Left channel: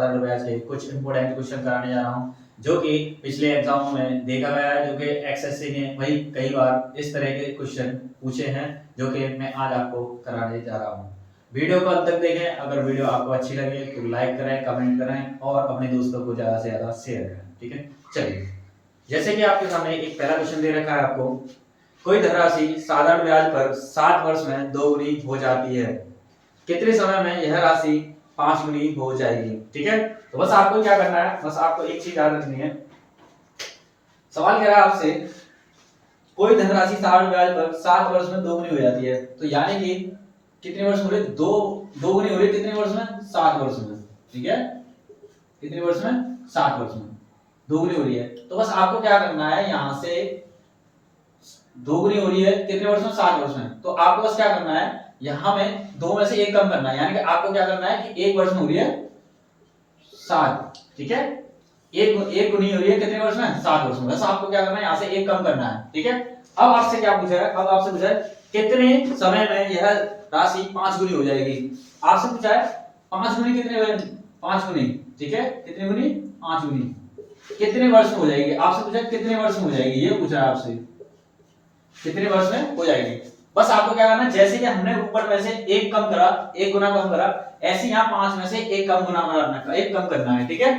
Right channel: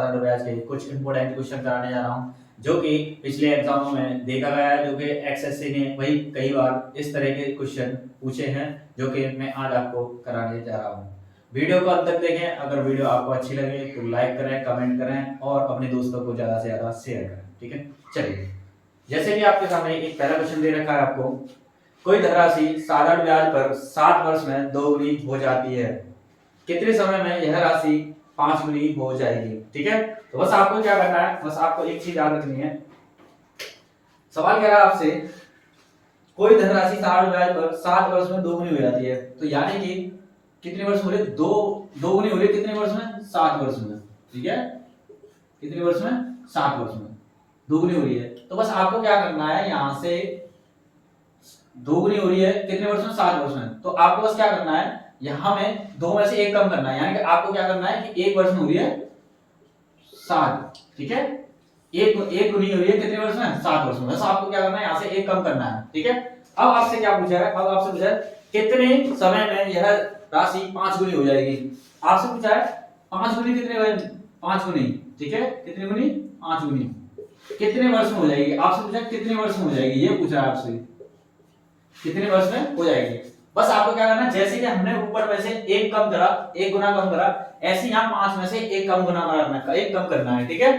साधारण ब्याज के कुछ इंपॉर्टेंट क्वेश्चन कराने जा रहा हूँ, जो कि पिछले एग्जामों में देखा गया है, जो कि एक्सएससी ने वही कई बार इस तरह के क्वेश्चन पूछे हैं, जो कि मैं आज आपको कराने जा रहा हूँ। वीडियो को अंत तक देखें। अगर वीडियो आपको अच्छी लगे तो लाइक करें, कमेंट करें और अपने दोस्तों को ज्यादा से ज्यादा शेयर करें। ठीक है, चलिए। जैसे कि आपके सामने एक पहला क्वेश्चन दे रखा है आपको, कोई धनराशि साधारण ब्याज पर 7 वर्ष में दोगुनी हो जाती है, कितने समय में यह राशि 5 गुनी हो जाएगी। ठीक है, तो बस आपको क्या करना है, बस आपको एक चीज याद रखनी है। सवाल कह रहा है आपसे, कोई धनराशि साधारण ब्याज पर 7 वर्ष में दोगुनी हो जाती है, तो यानी कि कितने वर्ष हो रहे, दो गुनी हो रही है कितने वर्ष में, 7 वर्ष में। ठीक है, कितने वर्ष में, 7 वर्ष में दोगुनी हो रही है। तो बस आपको क्या करना है, यहां से दोगुनी हो रही है कितने वर्ष में, 7 वर्ष में, तो आपको बस क्या करना है, यहां में दो में से एक कम करना है, यानी कि आपको क्या करना है कि एक वर्ष में हो रही है 7। ठीक है, एक गुनी हो रही है कितने वर्ष में, 7 वर्ष में। बस आपको क्या करना है, यहां से एक कम करना है। ठीक है, अब आपसे क्या पूछा है, अब आपसे पूछा है कितने समय में यह राशि 5 गुनी हो जाएगी। आपसे पूछा है 5 गुनी कितने, 5 गुनी। ठीक है, कितने गुनी, 5 गुनी कितने वर्ष में हो जाएगी। आपसे पूछा कितने वर्ष में हो जाएगी, ये पूछा है आपसे, कितने वर्ष में हो जाएगी। बस आपको क्या करना है, जैसे कि हमने ऊपर में से एक कम करा, एक गुना कम करा, ऐसे यहाँ 5 में से एक कम गुना करना, एक कम करना है। ठीक है,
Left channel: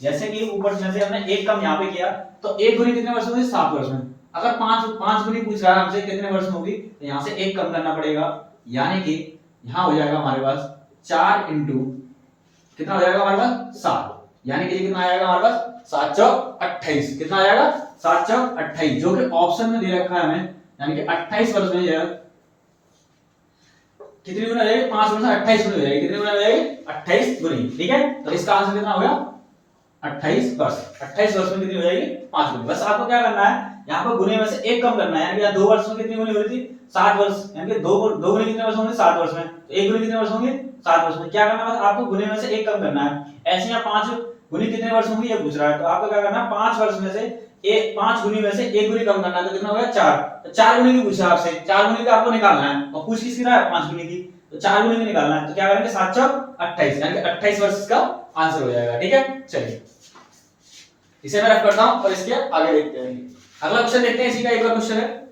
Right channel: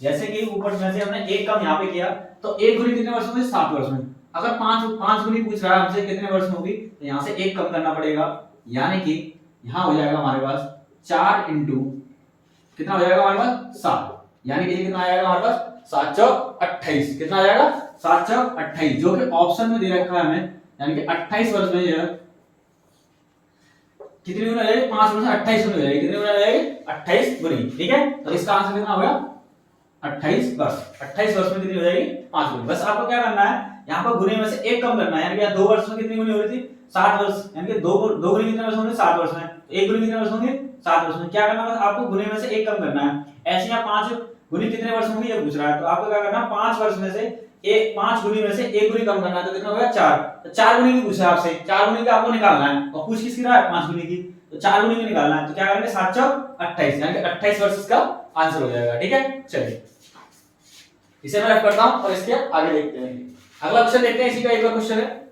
जैसे कि ऊपर में से हमने एक कम यहाँ पे किया, तो एक गुनी कितने वर्ष में, 7 वर्ष में। अगर 5 गुनी पूछ रहा है हमसे कितने वर्ष में होगी, तो यहाँ से एक कम करना पड़ेगा, यानी कि यहाँ हो जाएगा हमारे पास 4 इंटू कितना हो जाएगा हमारे पास, 7, यानी कि कितना आएगा हमारे पास, 7 चौक 28। कितना आ जाएगा, 7 चौक 28, जो कि ऑप्शन में दे रखा है हमें, यानी कि 28 वर्ष में यह कितनी गुना हो जाएगी, 5 वर्ष में 28 गुनी हो जाएगी। कितनी गुना हो जाएगी, 28 गुनी। ठीक है, तो इसका आंसर कितना हो गया, 28 वर्ष। 28 वर्ष में कितनी हो जाएगी, 5 गुनी। बस आपको क्या करना है, यहाँ पर गुने में से एक कम करना है, यानी कि 2 वर्ष में कितनी गुनी हो रही थी, 7 वर्ष, यानी कि 2 गुनी कितने वर्ष होंगे, 7 वर्ष में, तो एक गुनी कितने वर्ष होंगे, 7 वर्ष में। क्या करना है, आपको गुने में से एक कम करना है। ऐसे यहाँ 5 गुनी कितने वर्ष होंगे ये पूछ रहा है, तो आपको क्या करना है, 5 वर्ष में से एक, 5 गुनी में से एक गुनी कम करना है, तो कितना हो गया, 4। तो 4 गुनी की पूछा आपसे, 4 गुनी का आपको निकालना है, और पूछ किसकी रहा है, 5 गुनी की, तो 4 गुनी में निकालना है। तो क्या करेंगे, 7 चौक 28, यानी कि 28 वर्ष इसका आंसर हो जाएगा। ठीक है, चलिए इसे मैं रख करता हूं और इसके आगे देखते हैं। अगला क्वेश्चन देखते हैं, इसी का एक और क्वेश्चन है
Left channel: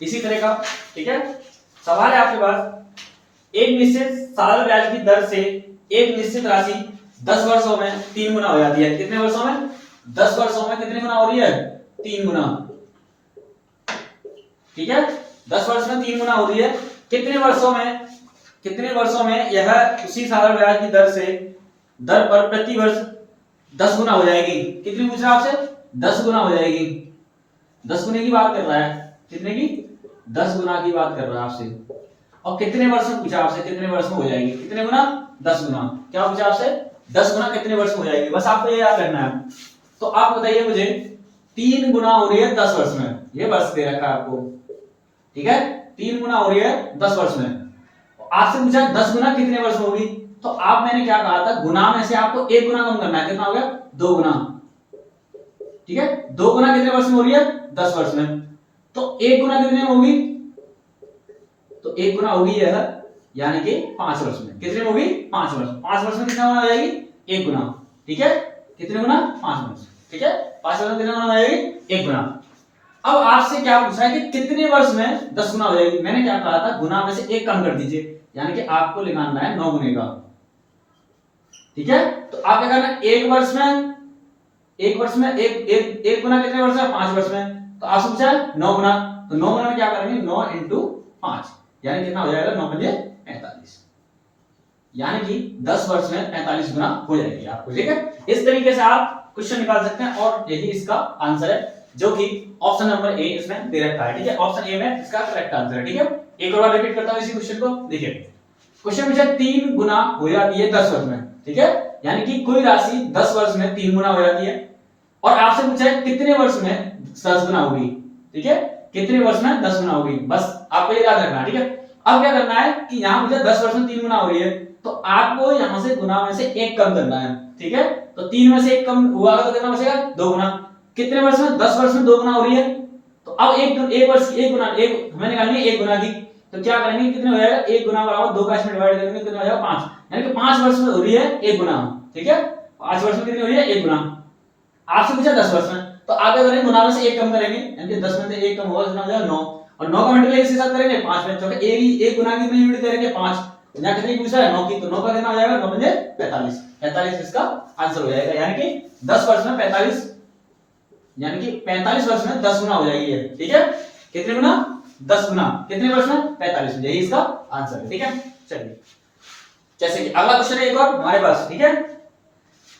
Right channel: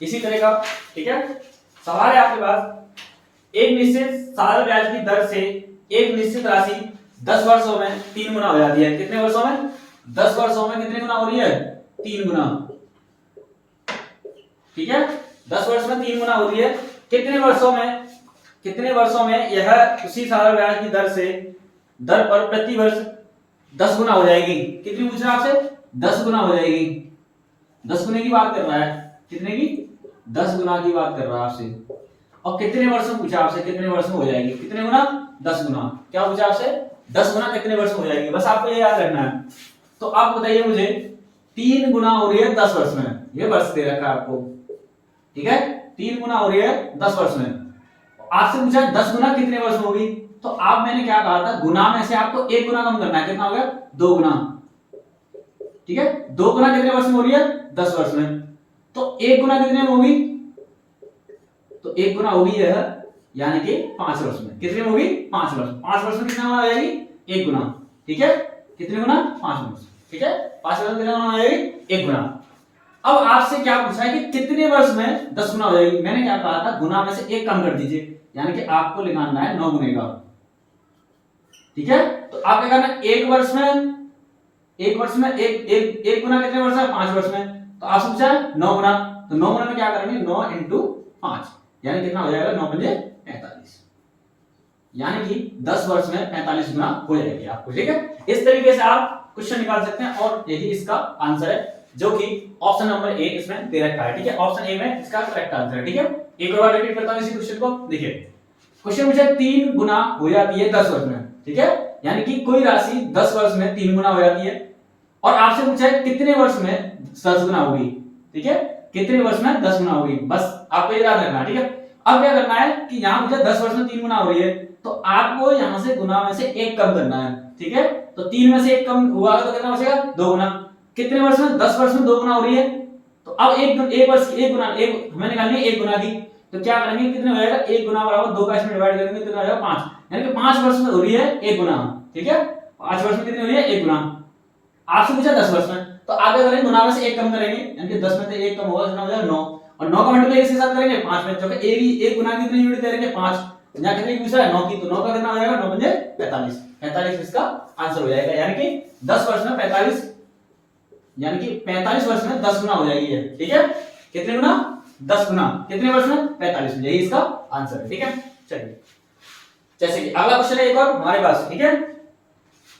इसी तरह का। ठीक है, सवाल है आपके पास, एक निश्चित साधारण ब्याज की दर से एक निश्चित राशि 10 वर्षों में 3 गुना हो जाती है। कितने वर्षों में, 10 वर्षों में कितने गुना हो रही है, 3 गुना। ठीक है, 10 वर्ष में 3 गुना हो रही है, कितने वर्षों में यह उसी साधारण ब्याज की दर पर प्रति वर्ष 10 गुना हो जाएगी। कितनी पूछ रहा है आपसे, 10 गुना हो जाएगी। 10 गुने की बात कर रहा है, कितने की, 10 गुना की बात कर रहा है आपसे। और कितने वर्ष में पूछा आपसे, कितने वर्ष में हो जाएगी, कितने गुना, 10 गुना। क्या पूछा आपसे, 10 गुना कितने वर्ष में हो जाएगी। बस आपको ये याद करना है। तो आप बताइए मुझे, 3 गुना हो रही है 10 वर्ष में, ये वर्ष दे रखा है आपको। ठीक है, 3 गुना हो रही है 10 वर्ष में। आपसे पूछा 10 गुना कितने वर्ष में होगी, तो आप, मैंने क्या कहा था, गुना में से आपको एक गुना कम करना है, कितना हो गया, 2 गुना। ठीक है, 2 गुना कितने वर्ष में हो रही है, 10 वर्ष में, तो 1 गुना कितने में होगी, तो 1 गुना होगी यह, यानी कि 5 वर्ष में। कितने में होगी, 5 वर्ष। 5 वर्ष में कितना गुना हो जाएगी, 1 गुना। ठीक है, कितने गुना, 5 वर्ष। ठीक है, 5 वर्ष में कितना गुना हो जाएगी, 1 गुना। अब आपसे क्या पूछा है कि कितने वर्ष में 10 गुना हो जाएगी। मैंने क्या कहा था, गुना में से एक कम कर दीजिए, यानी कि आपको निकालना है 9 गुने का। ठीक है, तो आप क्या करना है, एक वर्ष में एक गुना कितने वर्ष में, 5 वर्ष में, तो आपसे पूछा है 9 गुना, तो 9 गुना में क्या करेंगे, 9 इंटू 5, यानी कितना हो जाएगा, 9 पंजे 45, यानी कि 10 वर्ष में 45 गुना हो जाएगी आपको। ठीक है, इस तरीके से आप क्वेश्चन निकाल सकते हैं, और यही इसका आंसर है, जो कि ऑप्शन नंबर ए इसमें दे रखा है। ठीक है, ऑप्शन ए में इसका करेक्ट आंसर है। ठीक है, एक और बार रिपीट करता हूं इसी क्वेश्चन को। देखिए, क्वेश्चन मुझे 3 गुना हो जाती है 10 वर्ष में। ठीक है, यानी कि कोई राशि 10 वर्ष में 3 गुना हो जाती है, और आपसे पूछा है कितने वर्ष में 10 गुना होगी। ठीक है, कितने वर्ष में 10 गुना होगी, बस आपको ये याद रखना है। ठीक है, अब क्या करना है कि यहाँ मुझे 10 वर्ष में 3 गुना हो रही है, तो आपको यहाँ से गुना में से एक कम करना है। ठीक है, तो 3 में से एक कम हुआ तो कितना बचेगा, 2 गुना। कितने वर्ष में, 10 वर्ष में 2 गुना हो रही है, तो अब एक वर्ष की एक गुना, एक हमें निकालनी है 1 गुना की, तो क्या करेंगे, कितने हो जाएगा, 1 गुना बराबर 2 का इसमें डिवाइड करेंगे कितना हो जाएगा 5, यानी कि 5 वर्ष में हो रही है 1 गुना, ठीक है 5 वर्ष में कितनी हो रही है 1 गुना। आपसे पूछा 10 वर्ष में, तो आगे करेंगे गुना में से 1 कम करेंगे, यानी कि 10 में से 1 कम होगा कितना हो जाएगा 9, और 9 का मल्टीप्लाई के साथ करेंगे 5 में, तो एक गुना की कितनी यूनिट करेंगे 5, यहाँ कितनी पूछा है 9 की, तो 9 का कितना हो जाएगा 9 पंजे 45, 45 इसका आंसर हो जाएगा, यानी कि 10 वर्ष में 45, यानी कि 45 वर्ष में 10 गुना हो जाएगी ये, ठीक है कितने गुना 10 गुना, कितने वर्ष में 45, यही इसका आंसर है, ठीक है। चलिए जैसे कि अगला क्वेश्चन है एक और हमारे पास, ठीक है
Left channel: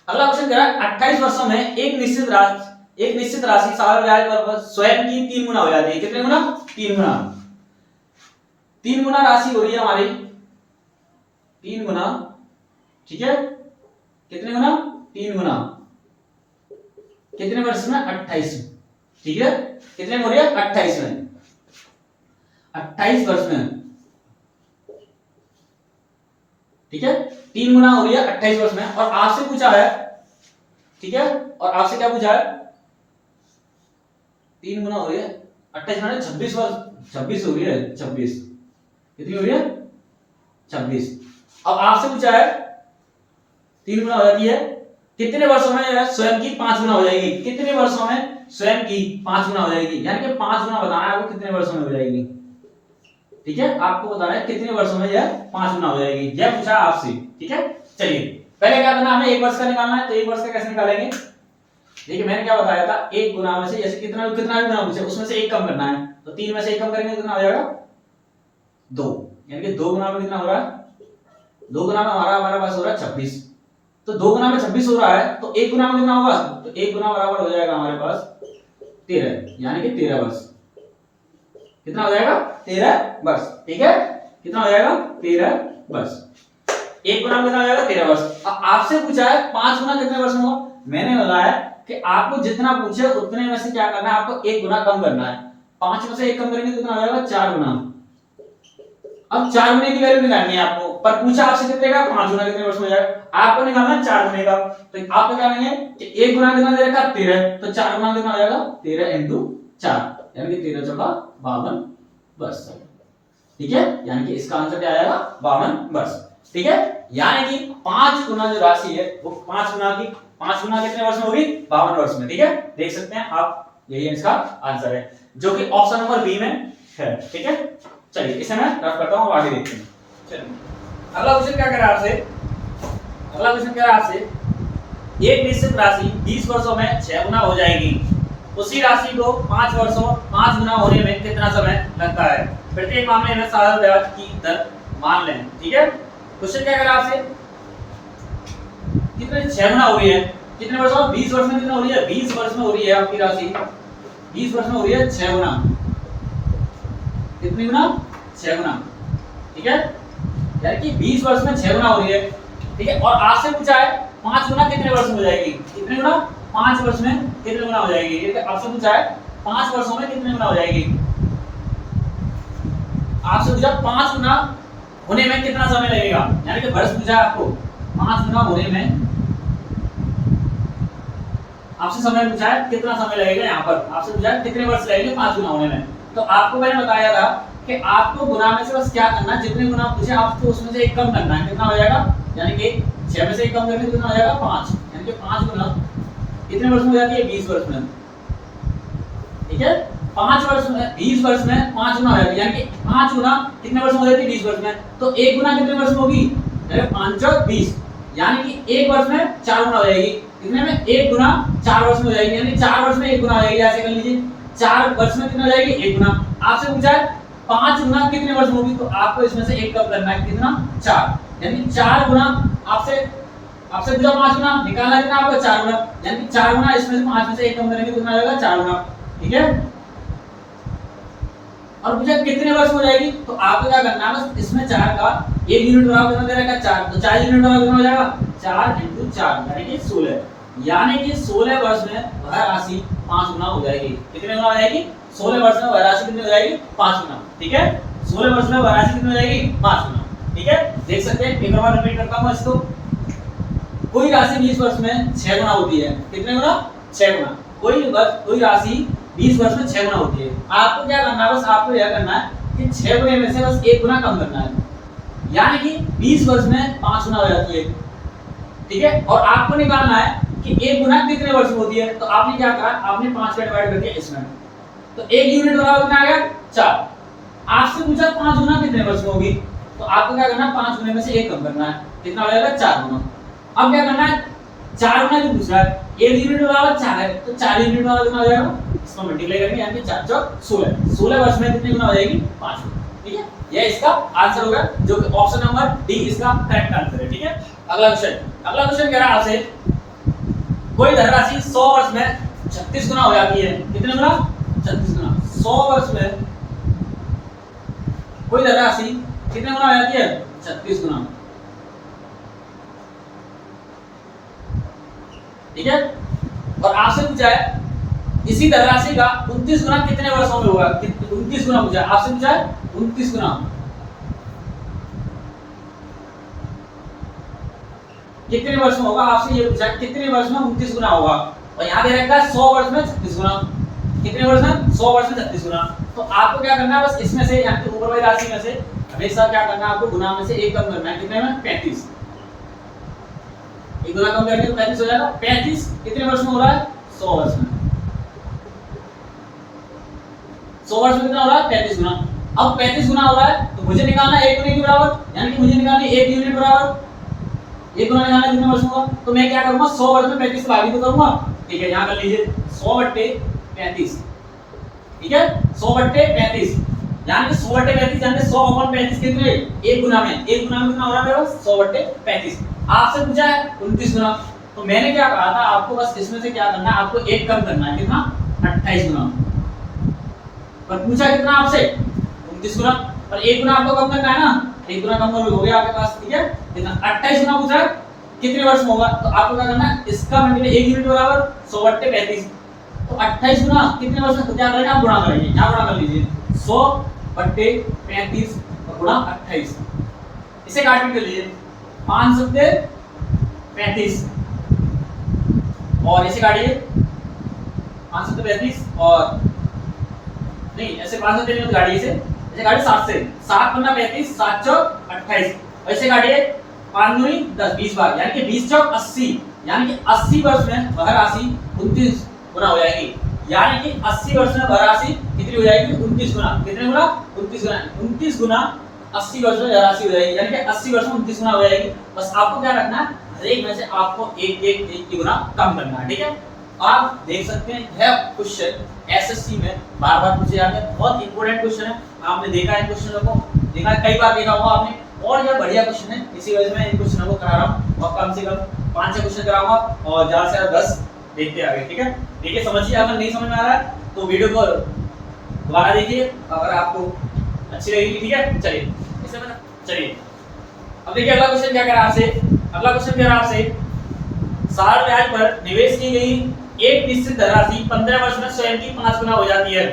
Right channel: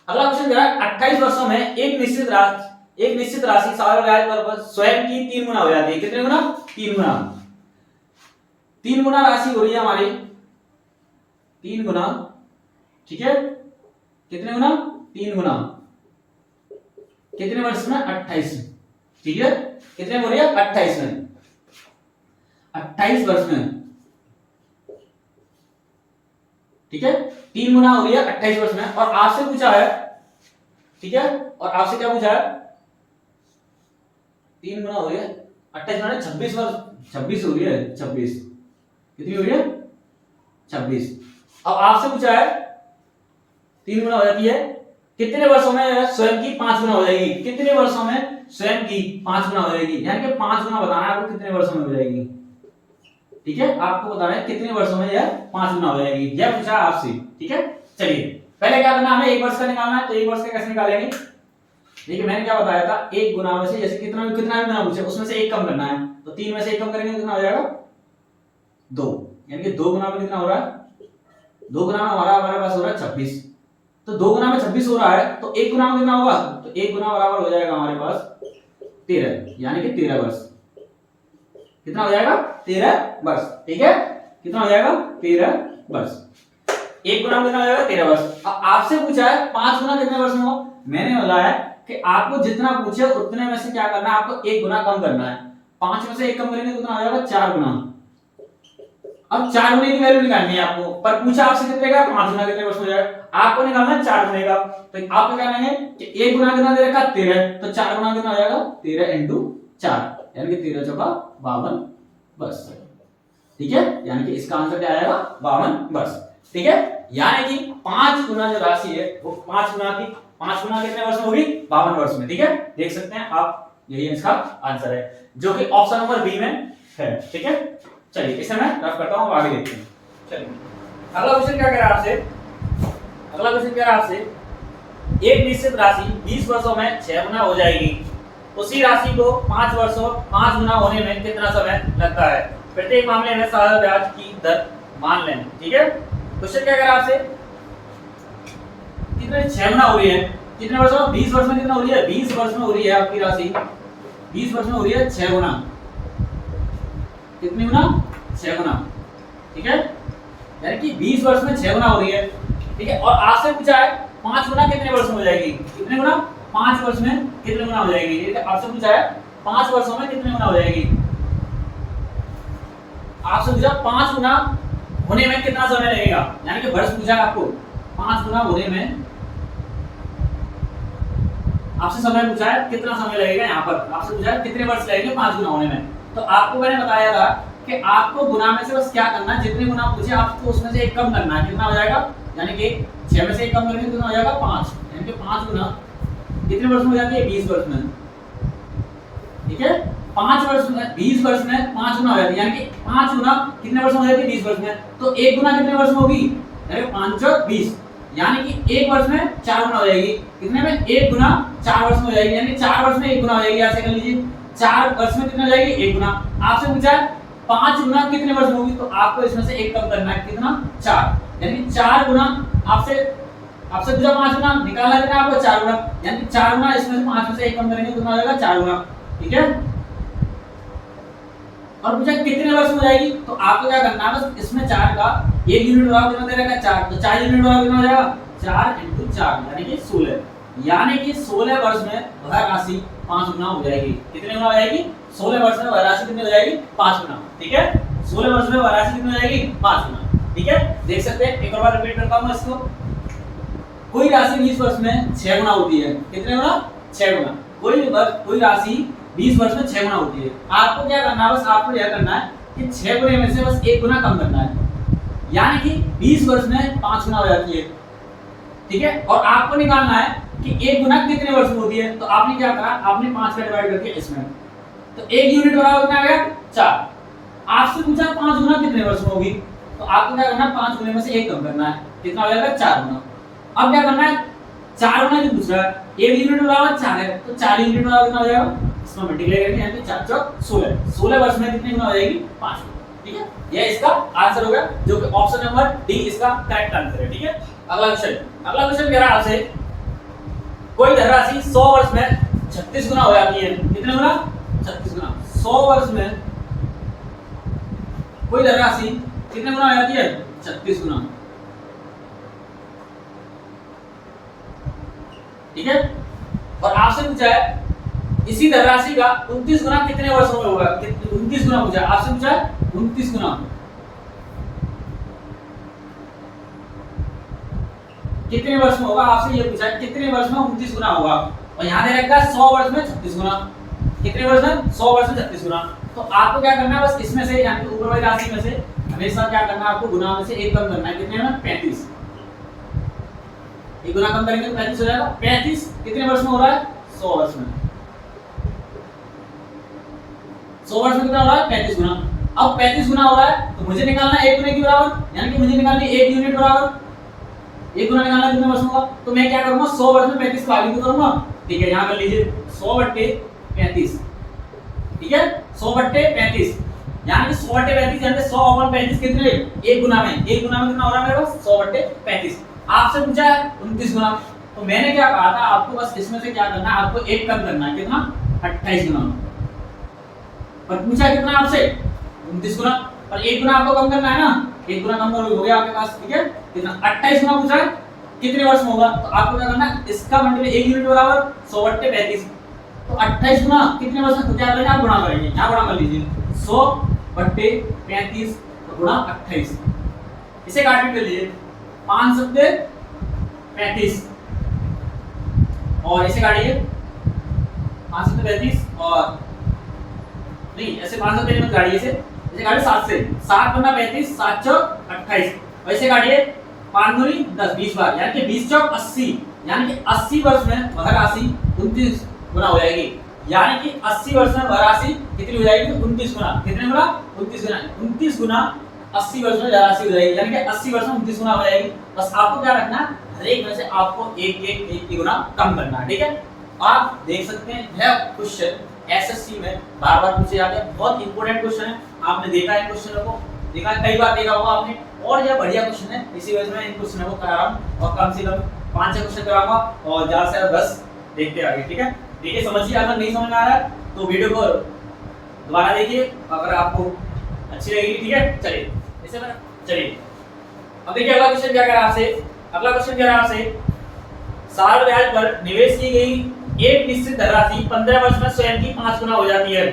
अगला क्वेश्चन कह रहा है 28 वर्षों में एक निश्चित राशि साधारण ब्याज पर स्वयं की 3 गुना हो जाती है, कितने गुना 3 गुना, 3 गुना राशि हो रही है हमारी 3 गुना, ठीक है कितने गुना 3 गुना, कितने वर्ष में 28, ठीक है कितने हो रही है 28 में, 28 वर्ष में, ठीक है 3 गुना हो रही है 28 वर्ष में, और आपसे पूछा है, ठीक है और आपसे क्या पूछा है 3 गुना हो रही है 28 माने 26 वर्ष, 26 हो रही है 26, कितनी हो रही है 26। अब आपसे पूछा है 3 गुना हो जाती है, कितने वर्षों में स्वयं की 5 गुना हो जाएगी, कितने वर्षों में स्वयं की 5 गुना हो जाएगी, यानी कि 5 गुना बताना है आपको कितने वर्षों में हो जाएगी, ठीक है आपको बताना है कितने वर्षों में यह 5 गुना हो जाएगी, यह पूछा आपसे, ठीक है। चलिए पहले क्या करना, हमें 1 वर्ष का निकालना है, तो 1 वर्ष का कैसे निकालेंगे, देखिए मैंने क्या बताया था 1 गुना में से जैसे कितना भी गुना पूछे उसमें से 1 कम करना है, तो 3 में से 1 कम करेंगे कितना हो जाएगा 2, यानी कि 2 गुना में कितना हो रहा है, 2 गुना में हमारा पास हो रहा है 26, तो 2 गुना में 26 हो रहा है, तो 1 गुना में कितना होगा, तो 1 गुना बराबर हो जाएगा हमारे पास 13, यानी कि 13 वर्ष, कितना हो जाएगा 13 वर्ष, ठीक है कितना हो जाएगा 13 वर्ष, 1 गुना कितना हो जाएगा 13 वर्ष। अब आपसे पूछा है 5 गुना कितने वर्ष में होगा, मैंने बताया कि आपको जितना पूछे उतने में से क्या करना है, आपको 1 गुना कम करना है, 5 में से 1 कम करेंगे तो कितना हो जाएगा 4 गुना। अब 4 गुने की वैल्यू निकालनी है आपको, पर पूछा आपसे कितने का 5 गुना कितने वर्ष में हो जाएगा, आपको निकालना है 4 गुने का, तो आप क्या करेंगे कि 1 गुना कितना दे रखा 13, तो 4 गुना कितना हो जाएगा 13 into 4, यानी कि 13 चौका 52 वर्ष, ठीक है यानी कि इसका आंसर क्या आएगा 52 वर्ष, ठीक है यानी कि 5 गुना जो राशि है वो 5 गुना कितने वर्ष में होगी 52 वर्ष में, ठीक है देख सकते हैं आप, यही इसका आंसर है जो कि ऑप्शन नंबर बी में है, ठीक है। चलिए इसे मैं रफ करता हूं, आगे देखते हैं। चलिए अगला क्वेश्चन क्या कह रहा है आपसे, अगला क्वेश्चन कह रहा है आपसे एक निश्चित राशि 20 वर्षों में 6 गुना हो जाएगी, उसी राशि को 5 वर्षों 5 गुना होने में कितना समय लगता है, प्रत्येक मामले में साधारण ब्याज की दर मान लें, ठीक है। क्वेश्चन क्या कह रहा है आपसे, कितने 6 गुना हो रही है, कितने वर्षों में 20 वर्ष में कितना हो रही है 20 वर्ष में हो रही है आपकी राशि 20 वर्ष में हो रही है 6 गुना, कितनी गुना 6 गुना, ठीक है यानी कि 20 वर्ष में 6 गुना हो रही है, ठीक है। और आपसे पूछा है 5 गुना कितने वर्ष में हो जाएगी, कितने गुना 5 वर्ष में कितने गुना हो जाएगी, ये आपसे पूछा है 5 वर्षों में कितने गुना हो जाएगी, आपसे पूछा 5 गुना होने में कितना समय लगेगा, यानी कि वर्ष पूछा है आपको 5 गुना होने में, आपसे समय पूछा है कितना समय लगेगा, यहाँ पर आपसे पूछा है कितने वर्ष लगेंगे 5 गुना होने में, तो आपको मैंने बताया था कि आपको गुना में से बस क्या करना है, जितने गुना पूछे आपको उसमें से 1 कम करना है, कितना हो जाएगा, यानी कि 6 में से 1 कम करेंगे कितना हो जाएगा 5, यानी कि 5 गुना कितने वर्ष में हो जाती है 20 वर्ष में, ठीक है 5 वर्ष में 20 वर्ष में 5 गुना हो जाती है, यानी कि 5 गुना कितने वर्ष में हो जाती है 20 वर्ष में, तो 1 गुना कितने वर्ष में होगी 5 और 20, यानी कि 1 वर्ष में 4 गुना हो जाएगी, कितने में 1 गुना 4 वर्ष में हो जाएगी, यानी 4 वर्ष में 1 गुना हो जाएगी, ऐसे कर लीजिए 4 वर्ष में कितना हो जाएगी 1 गुना। आपसे पूछा है 5 गुना कितने वर्ष में होगी, तो आपको इसमें से 1 कम करना है, कितना 4, यानी 4 गुना आपसे पूछा 5 गुना निकालना कितना आपको 4 गुना, यानी 4 गुना इसमें से 5 में से 1 कम करेंगे कितना हो जाएगा 4 गुना, ठीक है। और पूछा कितने वर्ष में हो जाएगी, तो आपको क्या करना है बस इसमें 4 का 1 यूनिट बढ़ाओ कितना दे रखा है 4, तो 4 यूनिट बढ़ाओ कितना हो जाएगा 4 into 4 यानी कि 16, यानी कि 16 वर्ष में वह राशि 5 गुना हो जाएगी, कितने गुना हो जाएगी 16 वर्ष में वह राशि कितनी हो जाएगी 5 गुना, ठीक है 16 वर्ष में वह राशि कितनी हो जाएगी 5 गुना, ठीक है देख सकते हैं। एक बार रिपीट करता हूं इसको, कोई राशि 20 वर्ष में 6 गुना होती है, कितने गुना 6 गुना, कोई राशि 20 वर्ष में 6 गुना होती है, आपको क्या करना है बस आपको यह करना है कि 6 गुने में से बस 1 गुना कम करना है, यानी कि 20 वर्ष में 5 गुना हो जाती है, ठीक है। और आपको निकालना है कि 1 गुना कितने वर्ष में होती है, तो आपने क्या करा, आपने 5 का डिवाइड कर दिया इसमें, तो 1 यूनिट बराबर कितना आ गया 4। आपसे पूछा 5 गुना कितने वर्ष में होगी, तो आपको क्या करना है 5 गुने में से 1 कम करना है, कितना हो जाएगा 4 गुना। अब क्या करना है 4 गुना जो दूसरा है 1 यूनिट बराबर 4 है, तो 4 यूनिट बराबर कितना हो जाएगा, इसको मल्टीप्लाई करके यानी 4 चौक 16 वर्ष में कितनी गुना हो जाएगी 5 गुना, ठीक है। यह इसका आंसर होगा, जो कि ऑप्शन नंबर डी इसका करेक्ट आंसर है, ठीक है। अगला क्वेश्चन कह रहा है आपसे, कोई धनराशि 100 वर्ष में 36 गुना हो जाती है, कितने गुना 36 गुना। 100 वर्ष में कोई धनराशि कितने गुना हो जाती है 36 गुना, ठीक है। और आपसे पूछा है इसी धनराशि का 29 गुना कितने वर्षों में होगा, 29 गुना पूछा, आपसे पूछा है 29 गुना कितने वर्ष में होगा, आपसे ये पूछा है कितने वर्ष में 29 गुना होगा, और यहाँ दे रखा है 100 वर्ष में 36 गुना, कितने वर्ष में 100 वर्ष में 36 गुना। तो आपको क्या करना है, बस इसमें से यहाँ पे ऊपर वाली राशि में से हमेशा क्या करना है, आपको गुना में से 1 कम करना है, कितने में 35, 1 गुना कम करेंगे तो 35 हो जाएगा। 35 कितने वर्ष में हो रहा है 100 वर्ष में, 100 वर्ष में कितना हो रहा है 35 गुना। अब 35 गुना हो रहा है तो मुझे निकालना है 1 गुने के बराबर, यानी कि मुझे निकालनी है 1 यूनिट बराबर, 1 गुना निकालना कितने वर्ष का, तो मैं क्या करूंगा 100 वर्ष में 35 भाग को करूंगा, ठीक है। यहां कर लीजिए 100/35, ठीक है 100/35, यानी कि 100/35 यानी 100/35 कितने 1 गुना में, 1 गुना में कितना हो रहा है मेरे पास 100/35। आपसे पूछा है 29 गुना, तो मैंने क्या कहा था आपको, बस इसमें से क्या करना है, आपको 1 कम करना है, कितना 28 गुना, पर पूछा कितना आपसे 29 गुना, पर 1 गुना आपको कम करना है ना, 1 गुना कम हो गया आपके पास, ठीक है। कितना 28 गुना पूछा है कितने वर्ष में होगा, तो आपको क्या करना है इसका मल्टीप्लाई 1 यूनिट बराबर 100/35, तो 28 गुना कितने वर्ष में, क्या करेंगे आप गुणा करेंगे, यहां गुणा कर लीजिए 100/35 गुणा 28, इसे काट के लीजिए 5 सत्ते 35, और इसे काटिए 5 सत्ते 35, और नहीं ऐसे 5 सत्ते नहीं काटिए, इसे काटिए 7 से, 7 गुना 35, 7 चौक 28, और इसे काटिए 5 दूनी 10, 20 बार, यानी कि 20 चौक 80, यानी कि 80 वर्ष में वह राशि 29 गुना हो जाएगी, यानी कि 80 वर्ष में वह राशि कितनी हो जाएगी 29 गुना, कितने गुना 29 गुना, 29 गुना 80 वर्ष में राशि हो जाएगी, यानी कि 80 वर्ष में 29 गुना हो जाएगी। बस आपको क्या रखना है, हर एक में से आपको एक गुना कम करना है, ठीक है। आप देख सकते हैं यह क्वेश्चन एसएससी में बार-बार पूछे जाते हैं, बहुत इंपॉर्टेंट क्वेश्चन है, आपने देखा है क्वेश्चनों को, देखा है कई बार देखा होगा आपने, और यह बढ़िया क्वेश्चन है, इसी वजह से मैं इन क्वेश्चनों को करा रहा हूं, और कम से कम 5-6 क्वेश्चन कराऊंगा और ज्यादा से ज्यादा 10 देखते आगे, ठीक है। देखिए समझिए, अगर नहीं समझ में आ रहा है तो वीडियो को दोबारा देखिए, अगर आपको अच्छी लगेगी, ठीक है। चलिए इसे मैं चलिए अब देखिए अगला क्वेश्चन क्या कह रहा है आपसे, अगला क्वेश्चन कह रहा है आपसे, साल ब्याज पर निवेश की गई एक निश्चित धनराशि 15 वर्ष में स्वयं की 5 गुना हो जाती है,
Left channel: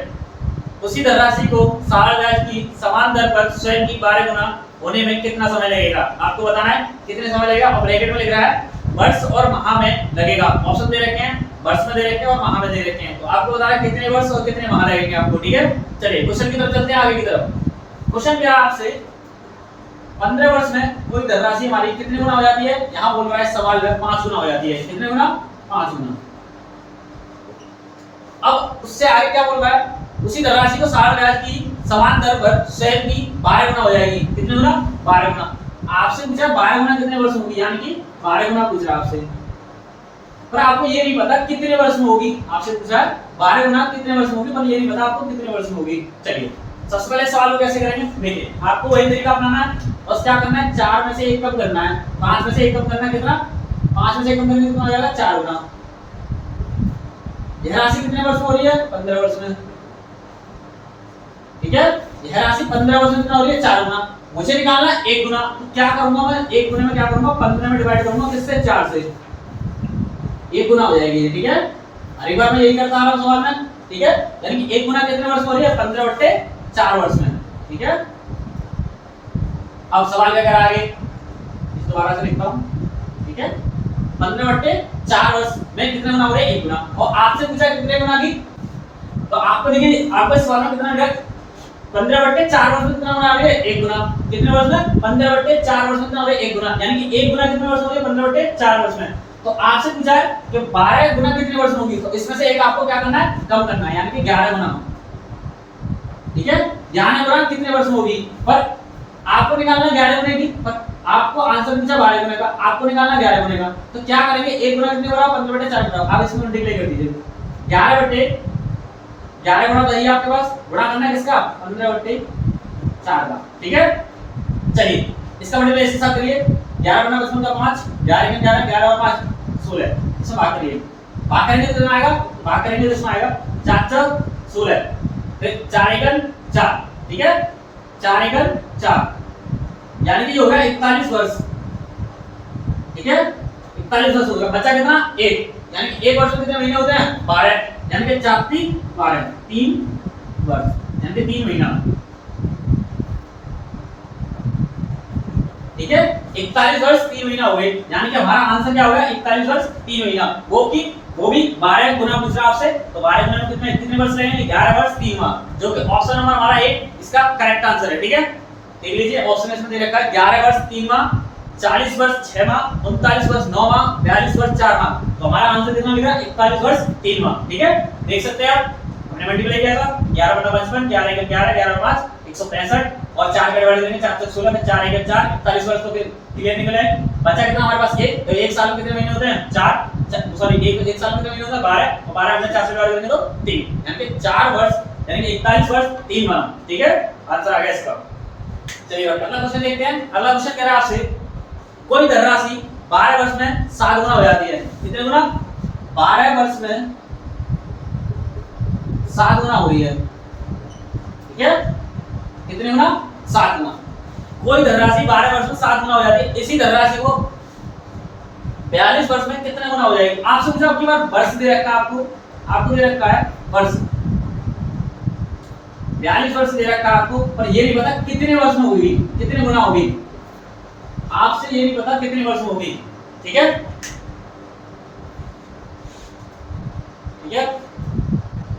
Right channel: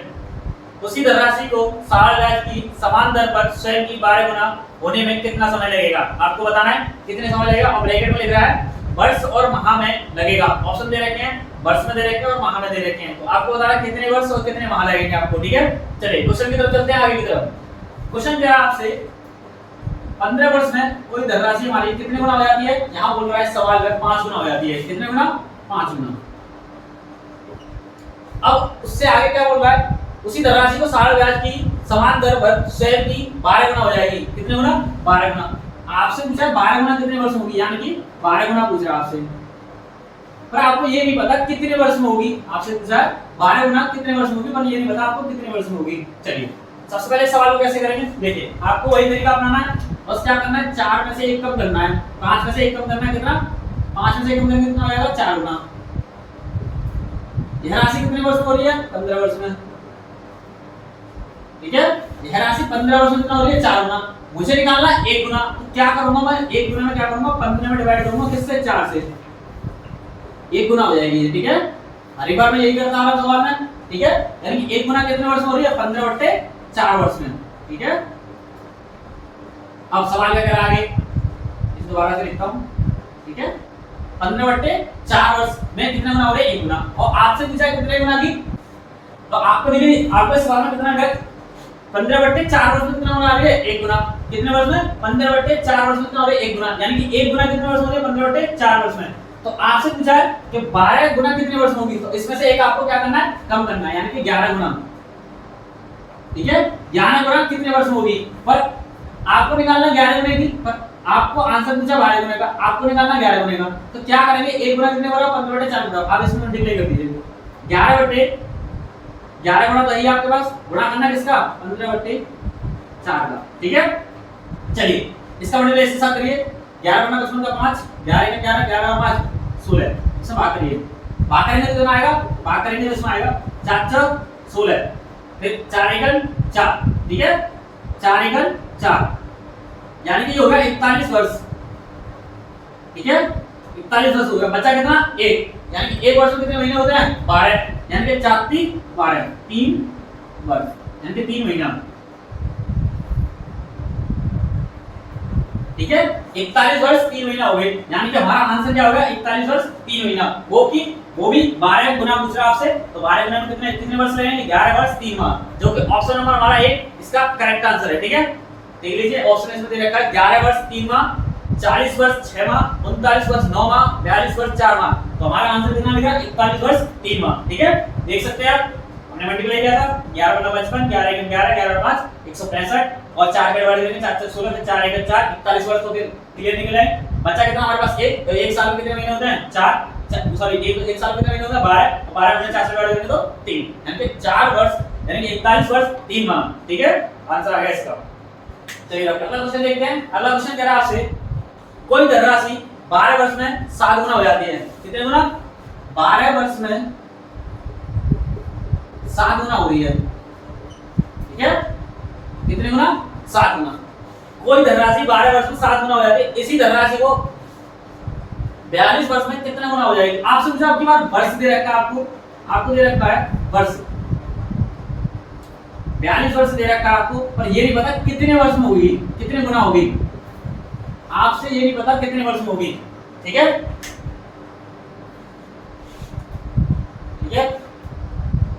उसी धनराशि को साल ब्याज की समान दर पर स्वयं की 12 गुना होने में कितना समय लगेगा, आपको बताना है कितने समय लगेगा, और ब्रैकेट में लिख रहा है वर्ष और माह में लगेगा, ऑप्शन दे रखे हैं वर्ष में दे रखे हैं और माह में दे रखे हैं, तो आपको बताना है कितने वर्ष और कितने माह लगेंगे आपको, ठीक है। चलिए क्वेश्चन की तरफ चलते हैं, आगे की तरफ। क्वेश्चन क्या है आपसे, 15 वर्ष में कोई धनराशि हमारी कितने गुना हो जाती है, यहाँ बोल रहा है सवाल में 5 गुना हो जाती है, कितने गुना 5 गुना। अब उससे आगे क्या बोल रहा है, उसी धनराशि को साल ब्याज की समान दर पर स्वयं की 12 गुना हो जाएगी, कितने गुना 12 गुना। आपसे पूछा 12 गुना कितने वर्ष होगी, यानी कि 12 गुना पूछ रहा है आपसे, पर आपको ये नहीं पता कितने वर्ष में होगी, आपसे पूछा है 12 गुना कितने वर्ष में होगी, पर ये नहीं पता आपको कितने वर्ष में होगी। चलिए सबसे पहले सवाल को कैसे करेंगे, देखिए आपको वही तरीका अपनाना है, बस क्या करना है 4 में से 1 कम करना है, 5 में से 1 कम करना है, कितना 5 में से 1 कम करने कितना हो जाएगा 4 गुना। यह राशि कितने वर्ष में हो रही है 15 वर्ष में, ठीक है। यह राशि 15 वर्ष में कितना हो रही है 4 गुना, मुझे निकालना है 1 गुना, तो क्या करूंगा मैं 1 गुना में क्या करूंगा 15 में डिवाइड करूंगा किससे 4 से, 1 गुना हो जाएगी, ठीक है। हर एक बार मैं यही करता आ रहा हूं सवाल में, ठीक है, यानी कि 1 गुना कितने वर्ष में हो रही है 15/4 वर्ष में, ठीक है। अब सवाल क्या कह रहा है आगे, इस दोबारा से लिखता हूं, ठीक है। 15/4 वर्ष में कितने गुना हो रहे हैं 1 गुना, और आपसे पूछा कितने गुना की, तो आपको देखिए आपको इस सवाल में कितना 15/4 वर्ष में कितना गुना आ गया? 1 गुना। कितने वर्ष में? 15/4 वर्ष में कितना हो गया? 1 गुना। यानी कि 1 गुना कितने वर्ष हो गया? 15/4 वर्ष में। तो आपसे पूछा है कि 12 गुना कितने वर्ष में होगी, तो इसमें से एक आपको क्या करना है? कम करना है, यानी कि 11 गुना। ठीक है, 11 गुना कितने वर्ष में होगी, पर आपको निकालना 11 गुने की, पर आपको आंसर पूछा 12 गुने का, आपको निकालना 11 गुने का। तो क्या करेंगे? 1 गुना कितने बराबर? 15/4 बराबर। आप इसमें मल्टीप्लाई कर दीजिए। 11 गुना तो है आपके पास, गुणा करना है किसका? 15/4 का। ठीक है, चलिए इसका मल्टीप्लाई इसके साथ करिए। 11 गुना 5 11 में 11 11 और 5 16, इसमें भाग करिए। भाग करेंगे तो कितना आएगा? भाग करेंगे तो इसमें आएगा 4 4 16, फिर 4 एकन 4। ठीक है, 4 एकन 4, यानी कि ये हो गया 41 वर्ष। ठीक है, 41 वर्ष हो गया। बचा कितना? 1, यानी कि 1 वर्ष में कितने महीने होते हैं? 12, यानी कि 4 3 12, 3 वर्ष, यानी कि 3 महीना। ठीक है, 41 वर्ष 3 महीना हो गए, यानी कि हमारा आंसर क्या हो गया? 41 वर्ष 3 महीना। वो भी 12 गुना पूछ रहा आपसे, तो 12 गुना में कितने वर्ष लगेंगे? 11 वर्ष 3 माह, जो कि ऑप्शन नंबर हमारा 1 इसका करेक्ट आंसर है। ठीक है, देख लीजिए ऑप्शन इसमें दे रखा है 11 वर्ष 3 माह, 40 वर्ष 6 माह, 39 वर्ष 9 माह, 42 वर्ष 4 माह। तो हमारा आंसर कितना मिलेगा? 41 वर्ष 3 माह। ठीक है, देख सकते हैं आप, हमने मल्टीप्लाई किया था 11 बटा 55, 11 एकम 11, 11 और 5 165, और 4 के डिवाइड करेंगे 4 4 16, फिर 4 एकम 4 41 वर्ष तो क्लियर निकल आए। बचा कितना हमारे पास? 1, तो 1 साल में कितने महीने होते हैं? 4, सॉरी 1 साल में कितने महीने होते हैं? 12, और 12 अपने 4 से डिवाइड करेंगे तो 3, यानी कि 4 वर्ष, यानी कि 41 वर्ष 3 माह। ठीक है, आंसर आ गया इसका। चलिए अगला क्वेश्चन देखते हैं। अगला क्वेश्चन कह रहा है आपसे, कोई धनराशि 12 वर्ष में 7 गुना हो जाती है। कितने गुना? 12 वर्ष में 7 गुना हो रही है। ठीक है, कितने गुना? 7 गुना। कोई धनराशि 12 वर्ष में 7 गुना हो जाती है, इसी धनराशि को 42 वर्ष में कितने गुना हो जाएगी? आपसे पूछा, आपकी बात वर्ष दे रखा है, आपको दे रखा है वर्ष, 42 वर्ष दे रखा है आपको, पर ये नहीं पता कितने वर्ष में होगी, कितने गुना होगी। आपसे ये नहीं पता कितने वर्ष में होगी। ठीक है, ठीक है,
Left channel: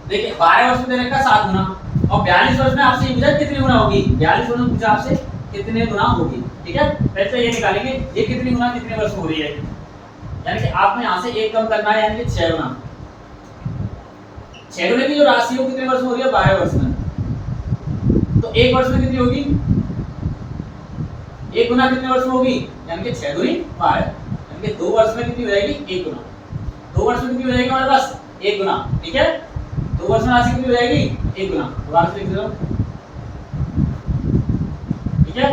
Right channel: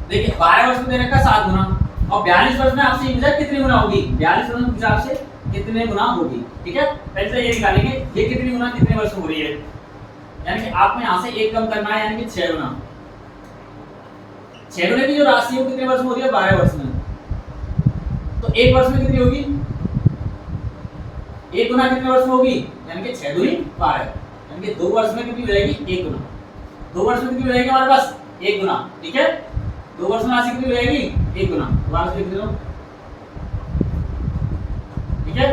देखिए 12 वर्ष में दे रखा 7 गुना, और 42 वर्ष में आपसे ये पूछा कितने गुना होगी। 42 वर्ष में पूछा आपसे कितने गुना होगी। ठीक है, पहले से ये निकालेंगे ये कितनी गुना कितने वर्ष में हो रही है, यानी कि आपको यहां से 1 कम करना है, यानी कि 6 गुना। 6 गुने की जो राशि है वो कितने वर्ष में हो रही है? 12 वर्ष में। तो 1 वर्ष में कितनी होगी? 1 गुना कितने वर्ष में होगी? यानी कि 6 दूनी 12, यानी कि 2 वर्ष में कितनी हो जाएगी? 1 गुना। 2 वर्ष में कितनी हो जाएगी हमारे पास? 1 गुना। ठीक है, 2 वर्ष में राशि कितनी हो जाएगी? 1 गुना। राशि लिख दो। ठीक है,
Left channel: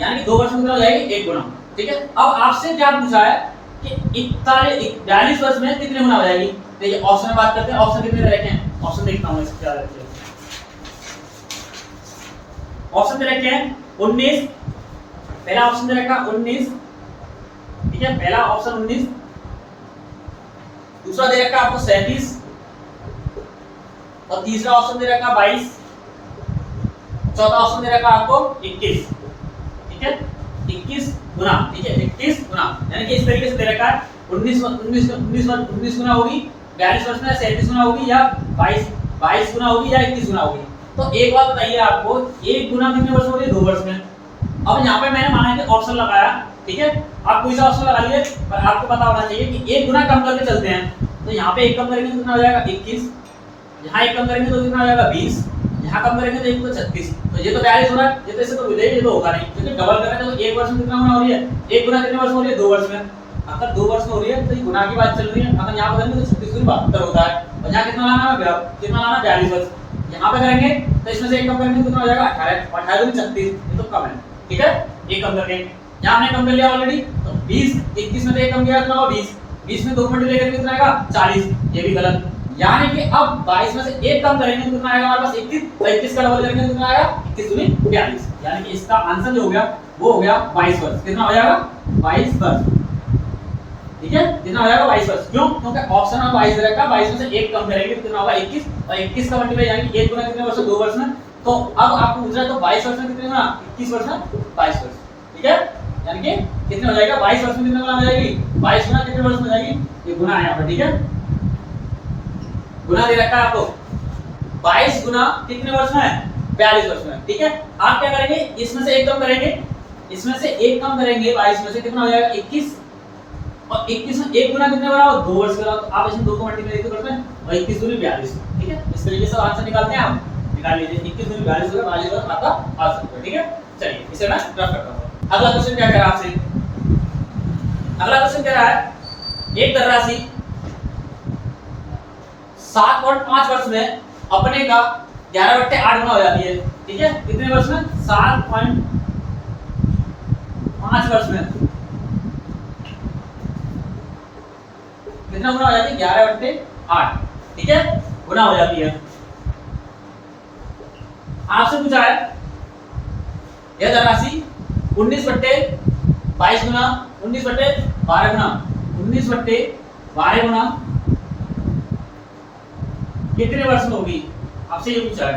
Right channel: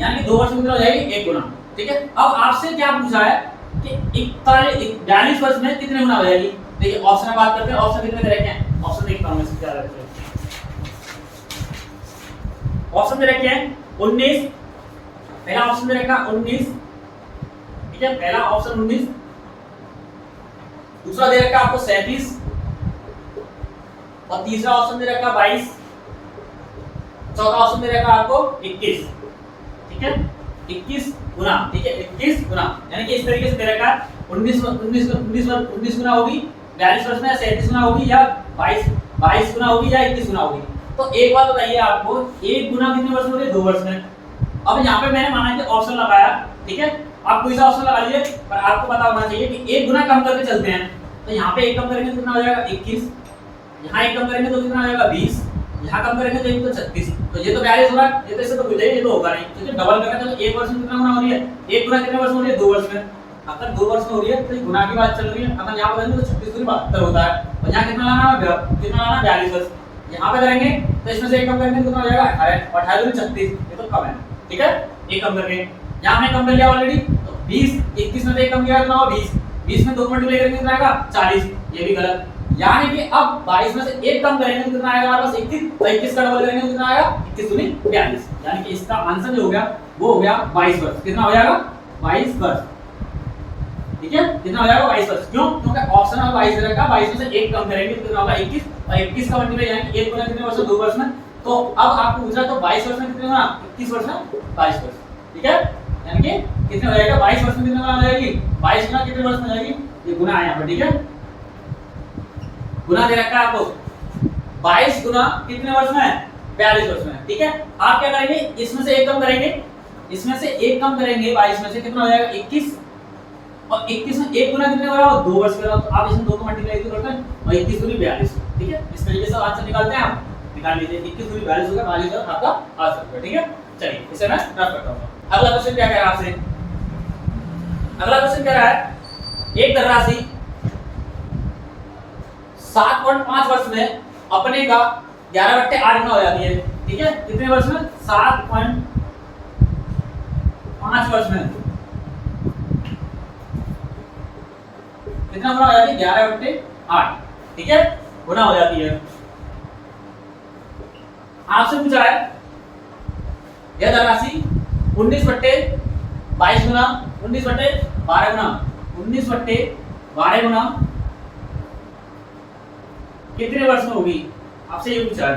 यानी कि 2 वर्ष में कितना हो जाएगी? 1 गुना। ठीक है, अब आपसे क्या पूछा है कि 42 वर्ष में कितने गुना हो जाएगी। देखिए ऑप्शन में बात करते हैं, ऑप्शन कितने दे रखे हैं? ऑप्शन देखता हूं इसका क्या रहता है। ऑप्शन दे रखे हैं 19, पहला ऑप्शन दे रखा 19। ठीक है, पहला ऑप्शन 19, दूसरा दे रखा आपको 37, और तीसरा ऑप्शन दे रखा 22, चौथा ऑप्शन दे रखा आपको 21। ठीक है, 21 गुना। ठीक है, 21 गुना, यानी कि इस तरीके से दे रखा है 19 गुना होगी 42 वर्ष में, 37 गुना होगी, या 22 गुना होगी, या 21 गुना होगी। तो एक बात बताइए आपको, 1 गुना कितने वर्ष में होगी? 2 वर्ष में। अब यहाँ पे मैंने माना कि ऑप्शन लगाया, ठीक है, आप कोई सा ऑप्शन लगा लीजिए, पर आपको पता होना चाहिए कि 1 गुना कम करके चलते हैं। तो यहाँ पे 1 कम करेंगे तो कितना हो जाएगा? 21, यहाँ 1 कम करेंगे तो कितना हो जाएगा? 20, यहाँ कम करेंगे तो 1 तो 36, तो ये तो 42 हो रहा है, ये तो इससे तो मिलेगा, ये तो होगा नहीं, क्योंकि डबल करेंगे तो 1 वर्ष में कितना गुना हो रही है? 1 गुना कितने वर्ष में हो रही है? 2 वर्ष में। अगर 2 वर्ष में हो रही है तो ये गुना की बात चल रही है, अगर यहाँ पर करेंगे तो 36 गुना 72 होता है, और यहाँ कितना लाना है? कितना लाना? 42 वर्ष। यहाँ पे करेंगे तो इसमें से 1 कम करेंगे तो कितना हो जाएगा? 18, और 18 दूनी 36, ये तो कम है। ठीक है, 1 कम करके यहाँ हमने कम कर लिया ऑलरेडी, तो 20, 21 में से 1 कम किया कितना होगा? 20, 20 में 2 मल्टीप्लाई करके कितना आएगा? 40, ये भी गलत। यानी कि अब 22 में से 1 कम करेंगे तो कितना आएगा हमारे पास? 21, तो 21 का डबल करेंगे तो कितना आएगा? 21 दूनी 42, यानी कि इसका आंसर जो हो गया वो हो गया 22 वर्ष। कितना हो जाएगा? 22 वर्ष। ठीक है, कितना हो जाएगा? 22 वर्ष। क्यों? क्योंकि ऑप्शन में 22 रखा, 22 में से 1 कम करेंगे तो कितना होगा? 21, और 21 का मल्टीप्लाई यानी कि 1 गुना कितने वर्ष? 2 वर्ष में। तो अब आपको पूछ रहा है तो 22 वर्ष में कितने गुना? 21 वर्ष में 22 वर्ष। ठीक है, यानी कि कितना हो जाएगा? 22 वर्ष में कितना गुना हो जाएगी? 22 गुना कितने वर्ष में जाएगी? ये गुना है यहाँ पर। ठीक है, गुना दे रखा है आपको, 22 गुना कितने वर्ष में, 42 वर्ष में। ठीक है, आप क्या करेंगे, इसमें से एक कम करेंगे, इसमें से एक कम करेंगे, 22 में से कितना हो जाएगा 21, और 21 में एक गुना कितने बराबर 2 वर्ष का, तो आप इसमें 2 को मल्टीप्लाई करते हैं और 21 दूनी 42। ठीक है, इस तरीके से आंसर निकालते हैं आप, निकाल लीजिए 21 दूनी 42 होगा, 42 आपका आंसर होगा। ठीक है, चलिए इसे मैं रफ करता हूं। अगला क्वेश्चन क्या कह रहा है आपसे, अगला क्वेश्चन कह रहा है एक धनराशि 7.5 वर्ष में अपने का 11/8 गुना हो जाती है। ठीक है, कितने वर्ष में, 7.5 वर्ष में कितना गुना हो जाती है, 11/8। ठीक है, गुना हो जाती है। आपसे पूछा है यह धनराशि 19/22 गुना 19/12 गुना 19/12 गुना कितने वर्ष में होगी, आपसे ये पूछा है।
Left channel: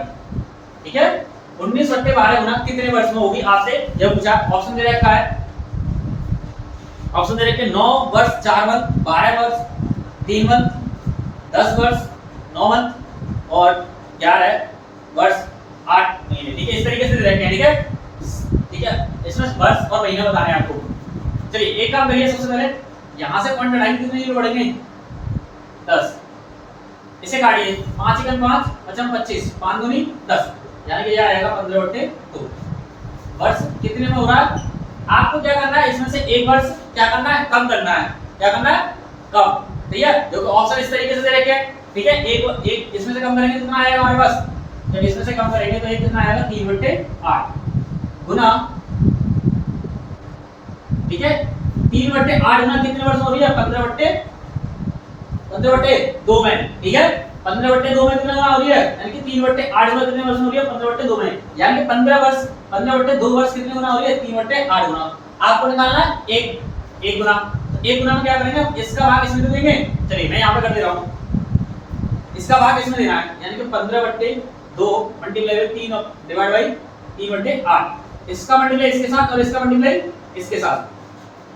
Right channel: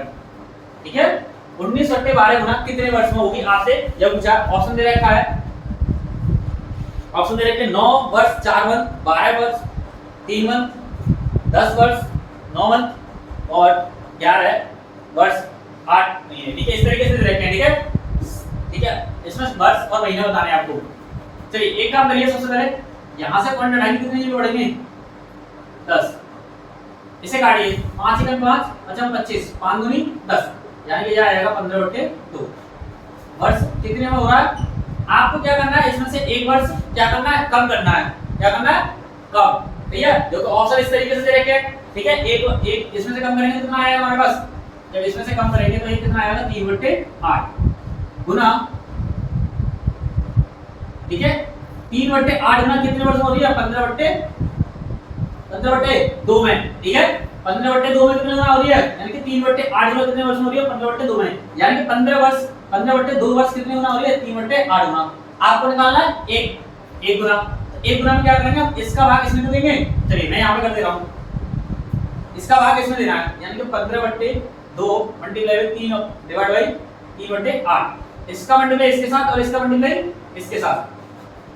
ठीक है, 19/12 गुना कितने वर्ष में होगी, आपसे यह पूछा। ऑप्शन दे रखा है, ऑप्शन दे रखे 9 वर्ष 4 मंथ, 12 वर्ष 3 मंथ, 10 वर्ष 9 मंथ और 11 वर्ष 8 महीने। ठीक है, इस तरीके से दे रखे हैं। ठीक है, ठीक है, इसमें वर्ष और महीने बताने हैं आपको। चलिए एक काम करिए, सबसे पहले यहां से पॉइंट हटाएंगे, कितने जीरो बढ़ेंगे 10, इसे काटिए 5 एकम 5 55 25 5 दूनी 10, यानी कि यह आएगा 15/2 वर्ष कितने में हो रहा है। आपको क्या करना है, इसमें से एक वर्ष क्या करना है, कम करना है। क्या करना है, कम। ठीक है, देखो ऑप्शन इस तरीके से दे रखे हैं। ठीक है, एक इसमें से कम करेंगे कितना आएगा हमारे पास, जब इसमें से कम करेंगे तो ये कितना आएगा 3/8 गुना। ठीक है, 3/8 गुना कितने वर्ष में हो रही है, 15/2 में। ठीक है, 15/2 में कितना गुना हो रही है, यानी कि 3/8 गुना कितने वर्ष में हो रही है, 15/2 में, यानी कि 15/2 वर्ष कितने गुना हो रही है, 3/8 गुना। आपको निकालना है एक गुना, तो एक गुना में क्या करेंगे, इसका भाग इसमें दे देंगे। चलिए मैं यहाँ पे कर दे रहा हूँ, इसका भाग इसमें देना है, यानी कि 15/2 मल्टीप्लाई बाय 3 डिवाइड बाय 3/8, इसका मल्टीप्लाई इसके साथ और इसका मल्टीप्लाई इसके साथ,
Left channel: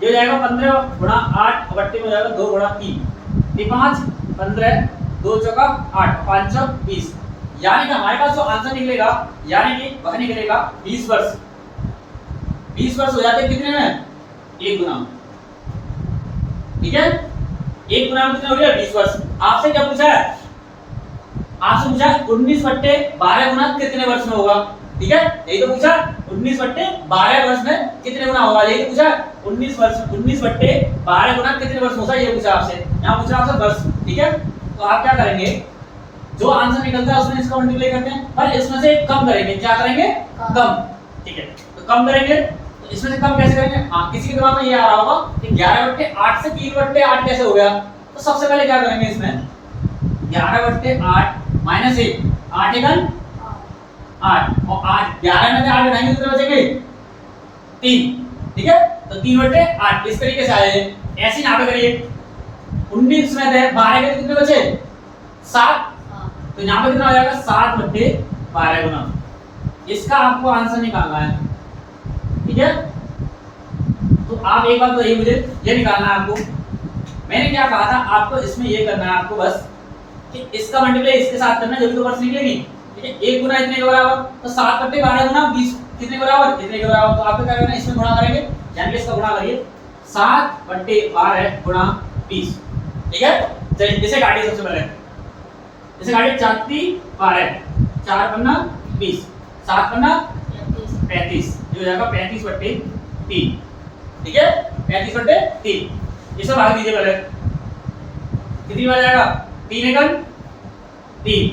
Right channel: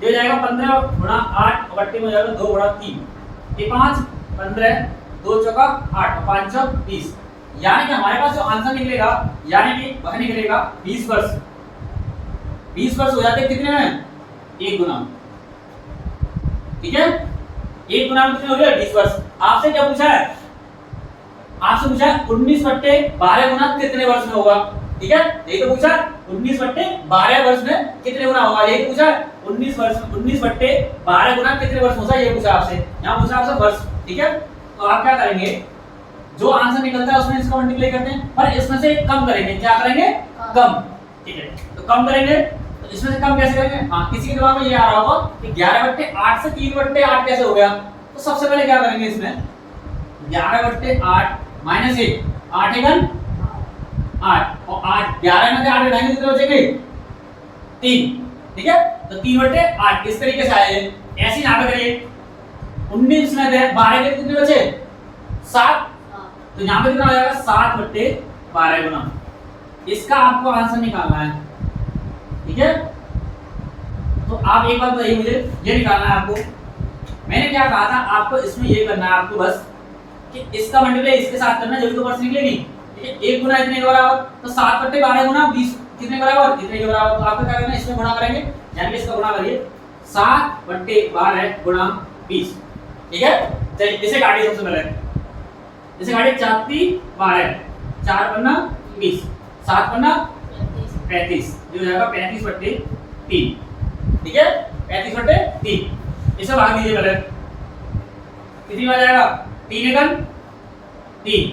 ये हो जाएगा 15 गुणा 8 बट्टे में हो जाएगा 2 गुणा 3 5 15 2 चौका 8 5 चौक 20, यानी कि हमारे पास जो आंसर निकलेगा, यानी कि वह निकलेगा 20 वर्ष। 20 वर्ष हो जाते हैं कितने में, एक गुना। ठीक है, एक गुना में कितने हो गया 20 वर्ष। आपसे क्या पूछा है, आपसे पूछा 19/12 गुना कितने वर्ष में होगा। ठीक है, यही तो पूछा, 19/12 वर्ष में कितने गुना होगा, यही पूछा 19/12 गुना कितने वर्ष होगा, ये पूछा आपसे। यहाँ पूछा आपसे वर्ष। ठीक है, तो आप क्या करेंगे, जो आंसर निकलता है उसमें इसका मल्टीप्लाई करते हैं, पर इसमें से कम करेंगे। क्या करेंगे, कम। ठीक है, तो कम करेंगे, तो इसमें से कम कैसे करेंगे। हाँ, किसी के दिमाग में ये आ रहा होगा कि 11/8 से 3/8 कैसे हो गया, तो सबसे पहले क्या करेंगे, इसमें 11/8 माइनस 1 8 एकम 8 और 8 11 में से 8 घटाएंगे कितने बचेंगे 3। ठीक है, तो 3/8 इस तरीके से आए। ऐसे यहाँ पे करिए, 19 में थे 12 के कितने बचे 7, तो यहाँ पे कितना हो जाएगा 7/12 गुना। इसका आपको आंसर निकालना है। ठीक है, तो आप एक बात बताइए मुझे, ये निकालना है आपको। मैंने क्या कहा था आपको, इसमें ये करना है आपको बस कि इसका मल्टीप्लाई इसके साथ करना, जब तो वर्ष निकलेगी। ठीक है, एक गुना इतने के बराबर, तो 7/12 गुना 20 कितने के बराबर, इतने के बराबर। तो आपको क्या करना है, इसमें गुणा करेंगे, यानी कि इसका गुणा करिए 7/12 गुणा 20। ठीक है, चलिए इसे काटिए, सबसे पहले इसे काटिए, 4×3 12 4 पन्ना 20 7 पन्ना 35, ये हो जाएगा 35/3। ठीक है, 35/3। इसे भाग दीजिए पहले, कितनी बार जाएगा 3 एकम 3,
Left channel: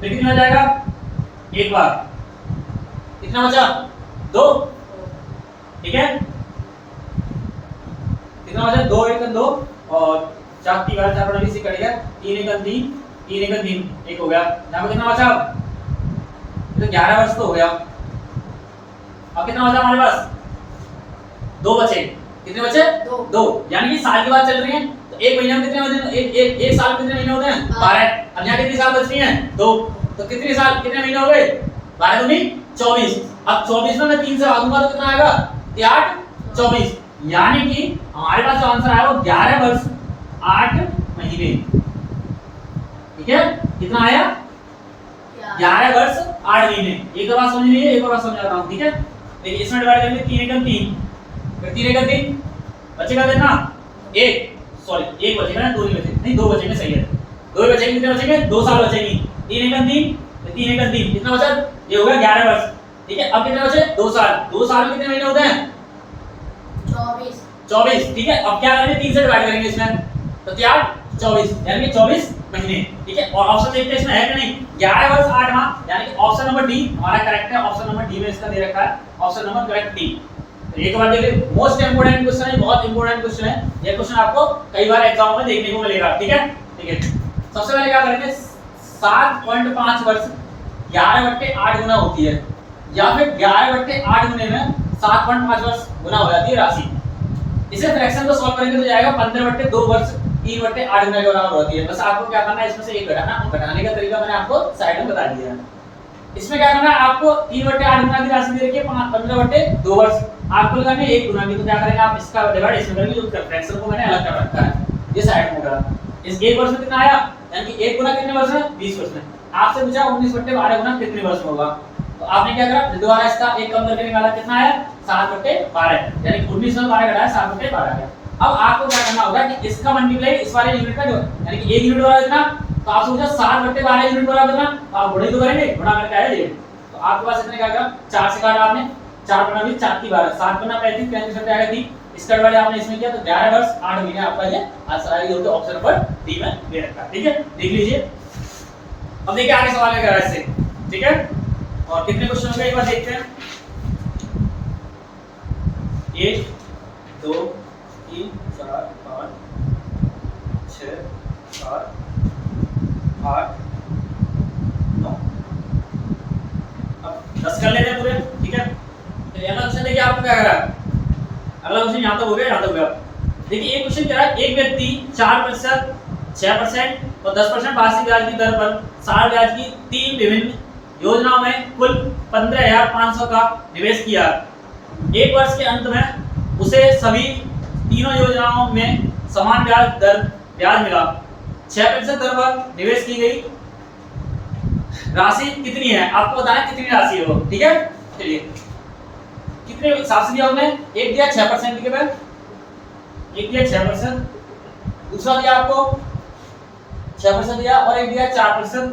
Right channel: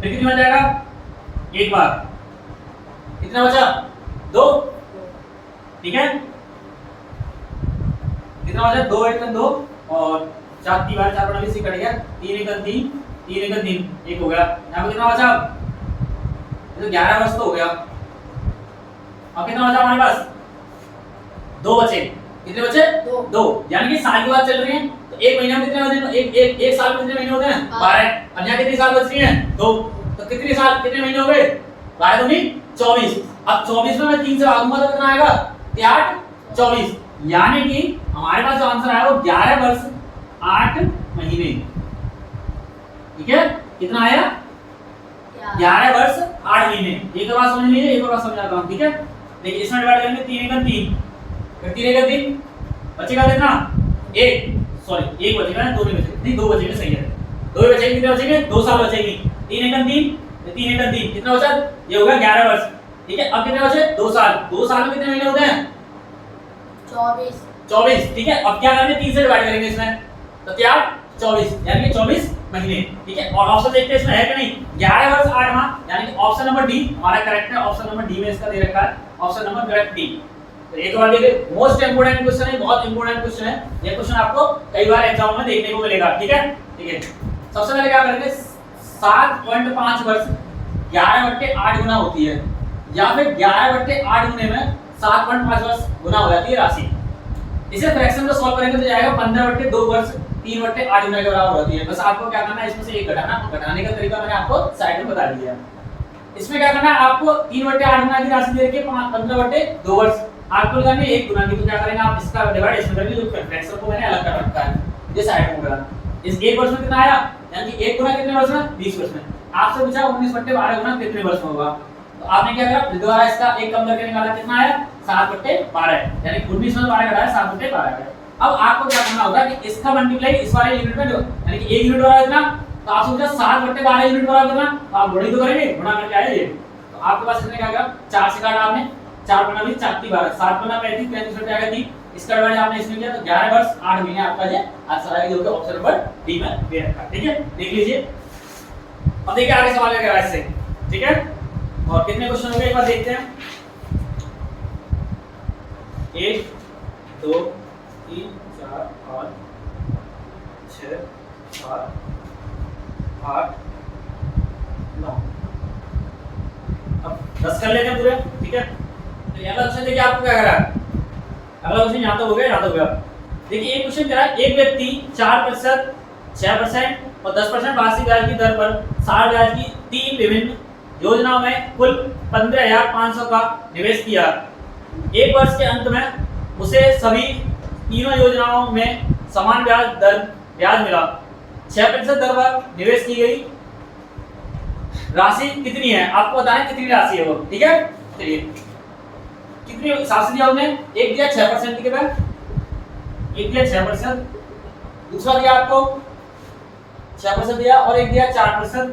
फिर कितनी बार जाएगा एक बार, कितना बचा 2। ठीक है, कितना बचा 2 एकम 2 और 4 3 बार 4 20 कट गया, 3 एकम 3 3 एकम 3 1 हो गया। यहाँ पे कितना बचा, तो 11 वर्ष तो हो गया। अब कितना बचा हमारे पास, 2 बचे। कितने बचे 2, यानी कि साल की बात चल रही है, तो एक महीने में कितने महीने, एक साल में कितने महीने होते हैं 12। अब यहाँ कितनी साल बच रही हैं 2, तो कितने साल कितने महीने हो गए 12 दूनी 24। अब 24 में मैं 3 से भागूंगा तो कितना आएगा 8 24, यानी कि हमारे पास जो आंसर आया वो 11 वर्ष 8 महीने। ठीक है, कितना आया 11 वर्ष 8 महीने। एक और बात समझ लीजिए, एक और बात समझाता हूँ, ठीक है। देखिए इसमें डिवाइड करेंगे 3 एकम 3, फिर 3 एकम 3 बचेगा कितना, 1 सॉरी 1 बचेगा ना, 2 नहीं बचेगा, नहीं 2 बचेंगे, सही है, 2 बचेंगे, कितने बचेंगे, 2 साल बचेगी। 3 एकम 3 3 एकम 3 कितना बचा, ये होगा 11 वर्ष, ठीक है। अब कितने बचे, 2 साल, 2 साल में कितने महीने होते हैं, 24, ठीक है। अब क्या करेंगे, 3 से डिवाइड करेंगे इसमें, तो क्या 24 यानी कि 24 महीने, ठीक है। और ऑप्शन देखते हैं इसमें है कि नहीं, 11 वर्ष 8 माह, यानी कि ऑप्शन नंबर डी हमारा करेक्ट है। ऑप्शन नंबर डी में इसका दे रखा है, ऑप्शन नंबर करेक्ट डी। तो एक बार देखिए, मोस्ट इंपोर्टेंट क्वेश्चन है, बहुत इंपोर्टेंट क्वेश्चन है ये क्वेश्चन, आपको कई बार एग्जाम में देखने को मिलेगा, ठीक है। ठीक है, सबसे पहले क्या करेंगे, 7.5 वर्ष 11/8 गुना होती है, या फिर 11/8 गुने में 7.5 वर्ष गुना हो जाती है राशि। इसे फ्रैक्शन को सॉल्व करेंगे तो जाएगा 15/2 वर्ष 3/8 गुना के बराबर होती है। बस आपको क्या करना है, इसमें से एक घटाना, घटाने का तरीका मैंने आपको साइड में बता दिया है। इसमें क्या करना है, आपको 3/8 गुना की राशि दे रखी है 15/2 वर्ष, आपको लगानी है 1 गुना की, तो क्या करेंगे आप इसका डिवाइड इसमें करेंगे, जो फ्रैक्शन को मैंने अलग कर रखा है, ये साइड में होगा। इस 1 वर्ष में कितना आया, यानी कि 1 गुना कितने वर्ष में, 20 वर्ष में। आपसे पूछा 19/12 गुना कितने वर्ष में होगा, तो आपने क्या करा, दोबारा इसका एक कम करके निकाला, कितना आया 7/12, यानी 19 में 12 घटाया 7/12 गया। अब आपको क्या करना होगा कि इसका मल्टीप्लाई इस वाले यूनिट में, जो यानी कि 1 यूनिट बराबर कितना, तो आप सोचा 7/12 यूनिट बराबर कितना, तो आप गुणा तो करेंगे, गुणा करके आया ये, तो आपके पास इतने क्या आएगा, 4 से काटा आपने, 4 गुना 20 4 3 12, 7 गुना 35 35 बटे आएगा 3, इसका डिवाइड आपने इसमें किया तो 11 वर्ष 8 महीने आपका ये आंसर आएगा, जो कि ऑप्शन नंबर डी में दे रखा है, ठीक है। देख लीजिए, अब देखिए आगे सवाल क्या कह रहा है इससे, ठीक है। और कितने क्वेश्चन हो गए एक बार देखते हैं, 1 2 3 4 5 6 7 8 9, अब 10 कर लेते हैं पूरे, ठीक है। तो अगला क्वेश्चन देखिए आपको क्या कह रहा है, अगला क्वेश्चन यहाँ तो हो गया, यहाँ तो हो गया। देखिए एक क्वेश्चन कह रहा है, एक व्यक्ति 4%, 6% और 10% वार्षिक ब्याज की दर पर साल ब्याज की 3 विभिन्न योजनाओं में कुल 15,500 का निवेश किया। एक वर्ष के अंत में उसे सभी तीनों योजनाओं में समान ब्याज मिला। 6% दर पर निवेश की गई राशि कितनी है, आपको बताएं कितनी राशि है वो, ठीक है। चलिए कितने हिसाब से दिया उन्होंने, एक दिया 6% के बाद, एक दिया 6%, दूसरा दिया आपको 6% दिया, और एक दिया 4%,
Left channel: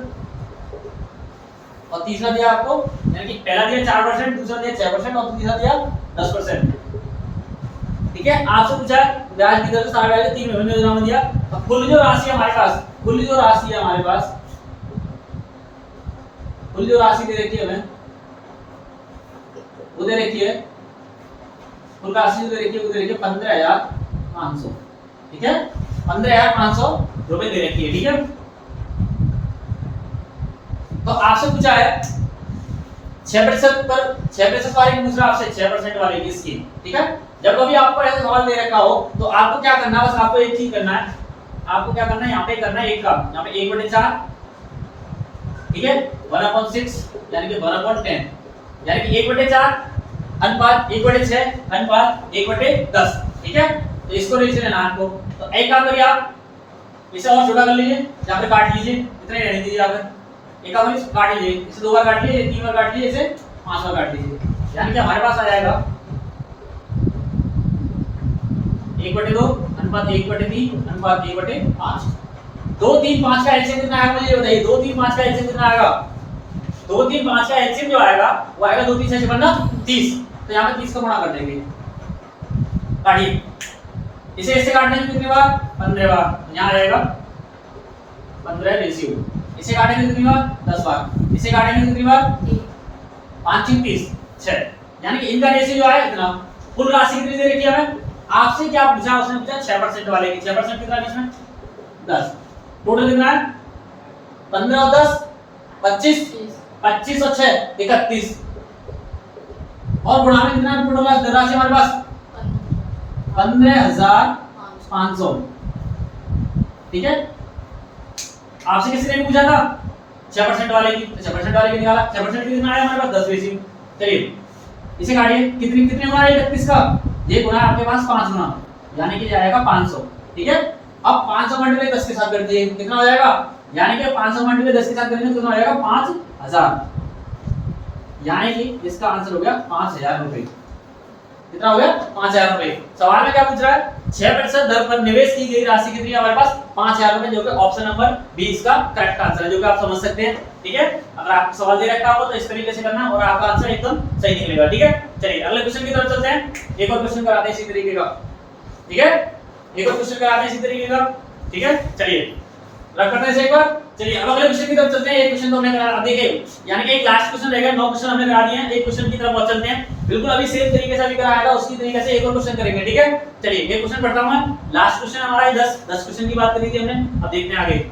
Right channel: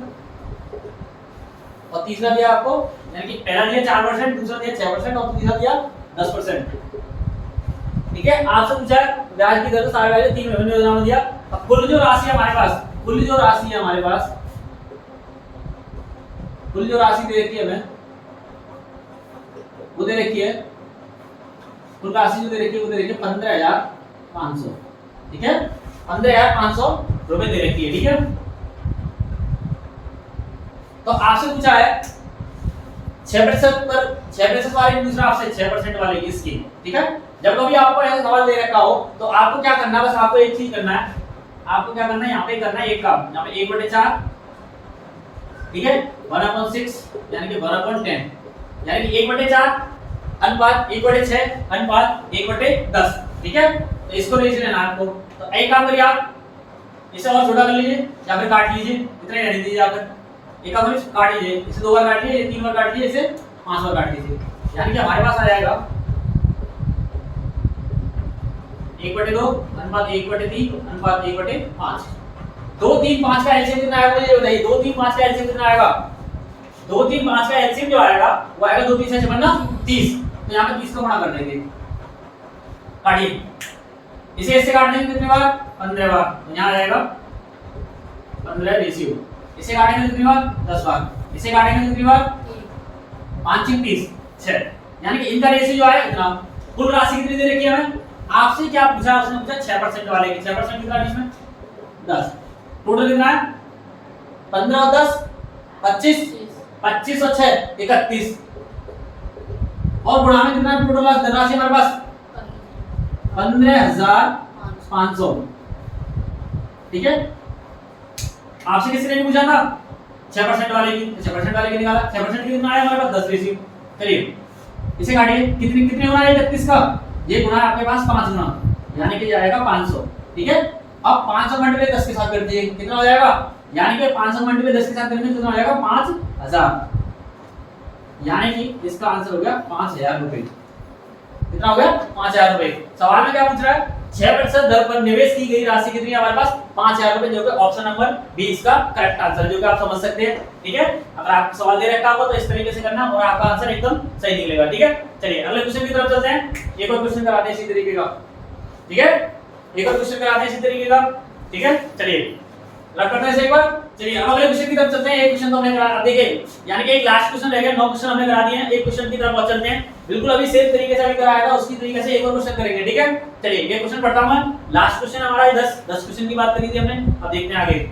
और तीसरा दिया आपको, यानी कि पहला दिया 4%, दूसरा दिया 6% और तीसरा दिया 10%, ठीक है। आपसे पूछा ब्याज की दर से सारे ब्याज 3 विभिन्न योजनाओं में दिया। अब कुल जो राशि है हमारे पास, कुल जो राशि है हमारे पास, कुल जो राशि दे रखी है हमें, वो दे रखी है, कुल राशि जो दे रखी है वो दे रखी है 15,500, ठीक है। 15,500 रुपए दे रखी है, ठीक है। तो आपसे पूछा है 6% पर 6% वाले, दूसरा आपसे 6% वाले की इसकी, ठीक है। जब कभी आपको ऐसा सवाल दे रखा हो तो आपको क्या करना है, बस आपको एक चीज करना है, आपको क्या करना है, यहाँ पे करना है एक काम, यहाँ पे 1/4, ठीक है, 1/6 यानी कि 1/10, यानी कि 1/4 अनुपात 1/6 अनुपात 1/10, ठीक है। तो इसको नहीं लेना आपको, तो एक काम करिए आप इसे और छोटा कर लीजिए या फिर काट लीजिए, इतना ही रहने दीजिए, आप एक काम करिए काट लीजिए, इसे 2 बार काट लीजिए, 3 बार काट लीजिए, इसे 5 बार काट लीजिए, यानी कि हमारे पास आ जाएगा 1/2 अनुपात 1/3 अनुपात 1/5। 2 3 5 का एलसीएम कितना आएगा मुझे बताइए, 2 3 5 का एलसीएम कितना आएगा, 2 3 5 का एलसीएम जो आएगा वो आएगा 2 3 6 बनना 30, तो यहाँ पे 30 का गुणा कर देंगे, काटिए, इसे इससे काटने की कितनी बार, 15 बार, तो यहाँ आएगा 15 रेशियो, इसे काटेंगे कितनी बार, 10 बार, इसे काटेंगे कितनी बार, 5 3 30 6, यानी कि इनका रेशियो जो आया इतना। कुल राशि कितनी दे रखी है हमें, आपसे क्या पूछा, उसने पूछा 6% वाले की, 6% कितना बीच में 10, टोटल कितना है 15 और 10 25, 25 और 6 31, और गुणा में कितना टोटल राशि हमारे पास 15,500, ठीक है। आपसे किसी ने पूछा था 6% वाले की, 6% वाले की निकाला, 6% कितना आया हमारे पास 10 रेशियो। चलिए इसे काटिए, कितने कितने गुना है 31 का, ये गुना आपके पास 5 गुना, यानी कि जाएगा 500, ठीक है। अब 500 मल्टीप्लाई 10 के साथ कर दिए, कितना हो जाएगा यानी कि 500 मल्टीप्लाई 10 के साथ करेंगे तो कितना हो जाएगा 5000, यानी कि इसका आंसर हो गया 5000 रुपए। कितना हो गया 5000 रुपए। सवाल में क्या पूछ रहा है, 6% दर पर निवेश की गई राशि कितनी है हमारे पास 5000 रुपए, जो कि ऑप्शन नंबर बी इसका करेक्ट आंसर है, जो कि आप समझ सकते हैं। ठीक है, अगर आपको सवाल दे रखा होगा तो इस तरीके से करना और आपका आंसर एकदम सही निकलेगा। ठीक है, चलिए अगले क्वेश्चन की तरफ चलते हैं। एक और क्वेश्चन कराते हैं इसी तरीके का। ठीक है, एक और क्वेश्चन कराते हैं इसी तरीके का। ठीक है, चलिए रख करते हैं एक बार। चलिए अब अगले क्वेश्चन की तरफ चलते हैं। एक क्वेश्चन तो हमने करा, देखिए यानी कि एक लास्ट क्वेश्चन रह गया, 9 क्वेश्चन हमने करा दिए हैं। एक क्वेश्चन की तरफ चलते हैं, बिल्कुल अभी सेम तरीके से अभी कराया था उसी तरीके से एक और क्वेश्चन करेंगे। ठीक है, चलिए ये क्वेश्चन पढ़ता हूं मैं। लास्ट क्वेश्चन हमारा है 10 क्वेश्चन की बात करी थी हमने। अब देखते हैं आगे।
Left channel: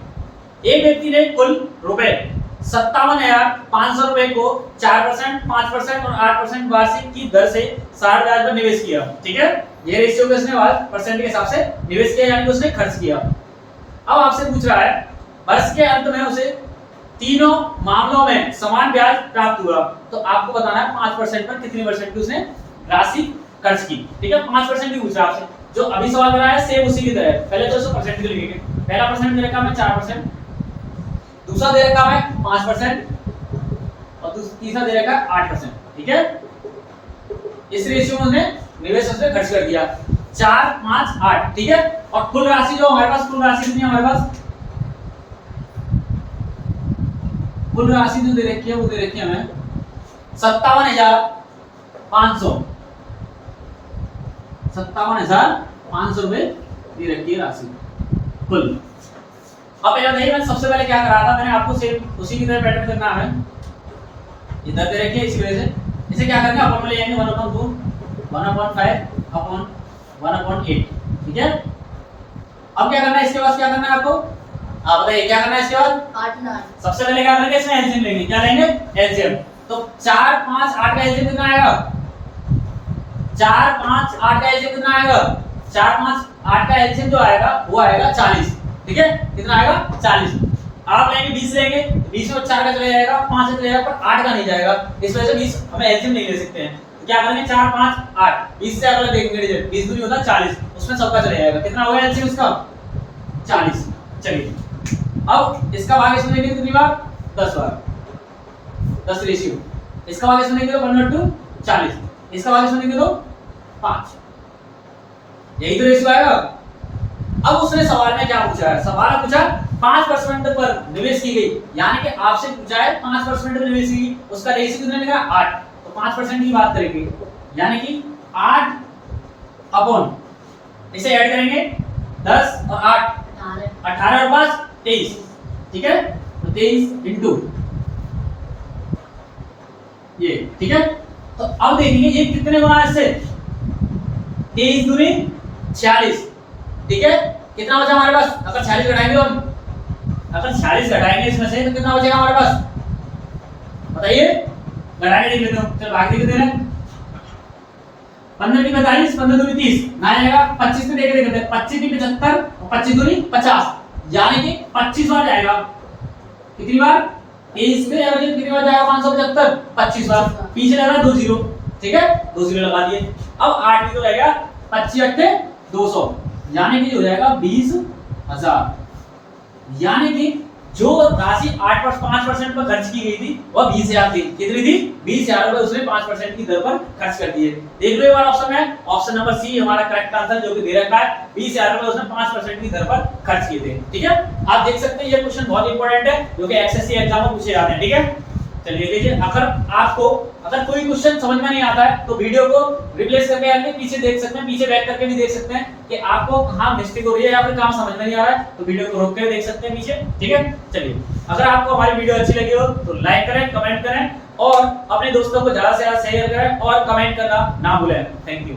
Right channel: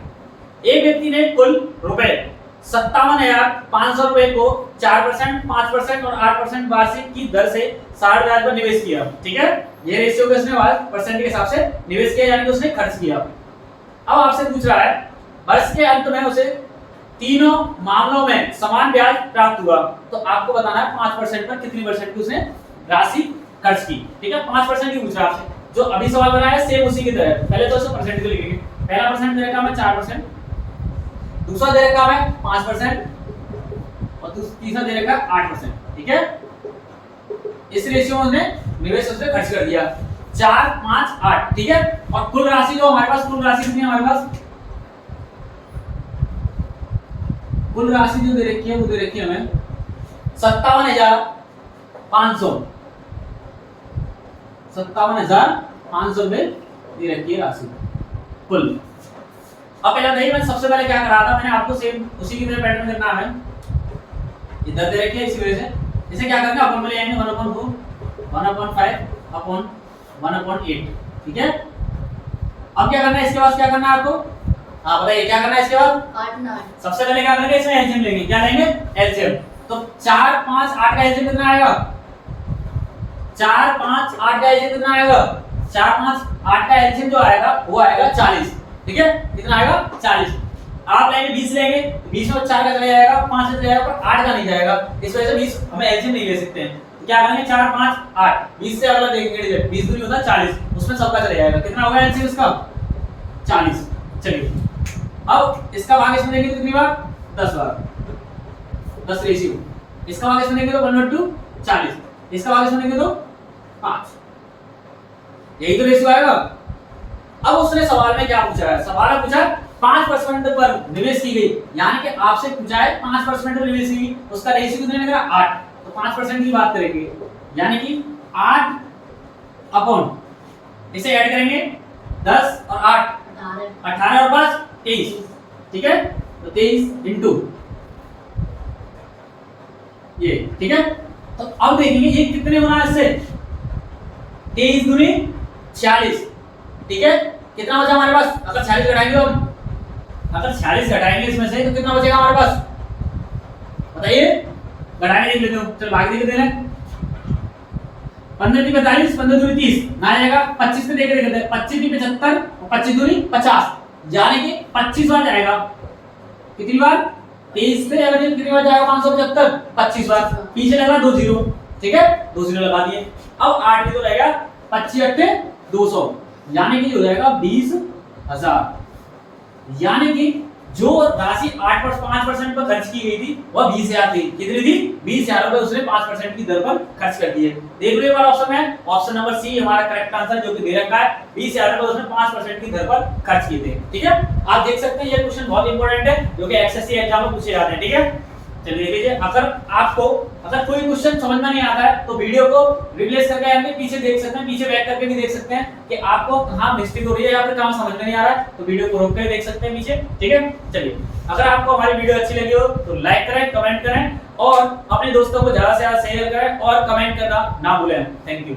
एक व्यक्ति ने कुल रुपए 57,500 रुपए को 4%, 5% और 8% वार्षिक की दर से 60 ब्याज पर निवेश किया। ठीक है, ये रेशियो के उसने परसेंट के हिसाब से निवेश किया, यानी कि उसने खर्च किया। अब आपसे पूछ रहा है वर्ष के अंत में उसे तीनों मामलों में समान ब्याज प्राप्त हुआ, तो आपको बताना है 5% पर कितनी परसेंट की उसने राशि खर्च की। ठीक है, 5% की पूछ रहा है आपसे, जो अभी सवाल बना है सेम उसी की तरह है। पहले तो इसको परसेंट के लिखेंगे। पहला परसेंट दे रखा है 4%, दूसरा दे रखा है 5% और तीसरा दे रखा है 8%। ठीक है, इस रेशियो में उसने निवेश उसने खर्च कर दिया 4, 5, 8। ठीक है, और कुल राशि जो हमारे पास, कुल राशि कितनी है हमारे पास, कुल राशि जो दे रखी है वो दे रखी है हमें 57,500, 57,500 रुपए दे रखी है राशि कुल। अब पहले देखिए मैं सबसे पहले क्या करा था, मैंने आपको सेम उसी की तरह पैटर्न करना है। इधर दे रखी है इसी वजह से इसे क्या करेंगे अपन में ले जाएंगे 1/2, 1/5 अपॉन 1/8। ठीक है, अब क्या करना है इसके बाद, क्या करना है आपको, हाँ बताइए क्या करना है इसके बाद, काटना। सबसे पहले क्या करेंगे, इसमें एलसीएम लेंगे। क्या लेंगे, एलसीएम। तो 4, 5, 8 का एलसीएम कितना आएगा, 4, 5, 8 का एलसीएम कितना आएगा, 4, 5, 8 का एलसीएम जो आएगा वो आएगा 40। ठीक है, कितना आएगा 40। आप लेंगे 20 लेंगे, 20 में 4 का चला जाएगा, 5 से चला जाएगा, पर 8 का नहीं जाएगा। इस वजह से 20 हमें एलसीएम नहीं ले सकते हैं। तो क्या करेंगे 4, 5, 8, 20 से अगला देखेंगे रिजल्ट, 20 दूनी होता है 40, उसमें सबका चला जाएगा। कितना होगा एलसीएम इसका 40। चलिए अब इसका भाग इसमें देंगे कितनी बार, 10 बार, 10 रेशियो। इसका भाग इसमें देंगे तो 1/2 40, इसका भाग इसमें देंगे तो 5, यही तो रेशियो आएगा। अब उसने सवाल में क्या पूछा है, सवाल में पूछा 5% पर निवेश की गई, यानी कि आपसे पूछा है 5% पर निवेश की गई, उसका रेशियो कितना निकला 8, तो 5% की बात करेंगे, यानी कि 8 अपॉन इसे ऐड करेंगे 10 और 8 18 और 5 23। ठीक है, तो 23 इंटू ये। ठीक है, तो अब देखेंगे ये कितने गुना है इससे, 23 दूनी 46। ठीक है, कितना बचा हमारे पास, अगर 46 घटाएंगे हम, अगर 46 घटाएंगे इसमें से तो कितना बचेगा हमारे पास, बताइए, घटाएंगे देख लेते हो। चल बाकी देख लेते हैं। 15 की 45, 15 दूनी 30 ना आएगा, 25 में देख लेते हैं, 25 की 75 और 25 दूनी 50, यानी कि 25 बार जाएगा। कितनी बार, 23 से एवरेज कितनी बार जाएगा 575, 25 बार। पीछे लगा 2 जीरो। ठीक है, 2 जीरो लगा दिए। अब 8 भी तो रहेगा 25 8 200, यानी कि हो जाएगा 20,000, यानी कि जो राशि 5% पर खर्च की गई थी वह 20,000 थी। कितनी थी, 20,000 रुपए उसने 5% की दर पर खर्च कर दिए। देख लो एक बार ऑप्शन में, ऑप्शन नंबर सी हमारा करेक्ट आंसर जो कि दे रखा है, 20,000 रुपए उसने 5% की दर पर खर्च किए थे। ठीक है, आप देख सकते हैं ये क्वेश्चन बहुत इंपॉर्टेंट है, जो कि एसएससी एग्जाम में पूछे जाते हैं। ठीक है, चलिए लीजिए, अगर कोई क्वेश्चन समझ में नहीं आता है तो वीडियो को रिप्लेस करके आगे पीछे देख सकते हैं, पीछे बैक करके भी देख सकते हैं कि आपको कहां मिस्टेक हो रही है या फिर कहां समझ में नहीं आ रहा है, तो वीडियो को रोक कर देख सकते हैं पीछे। ठीक है, चलिए अगर आपको हमारी वीडियो अच्छी लगी हो तो लाइक करें, कमेंट करें और अपने दोस्तों को ज्यादा से ज्यादा शेयर करें और कमेंट करना ना भूलें। Thank you.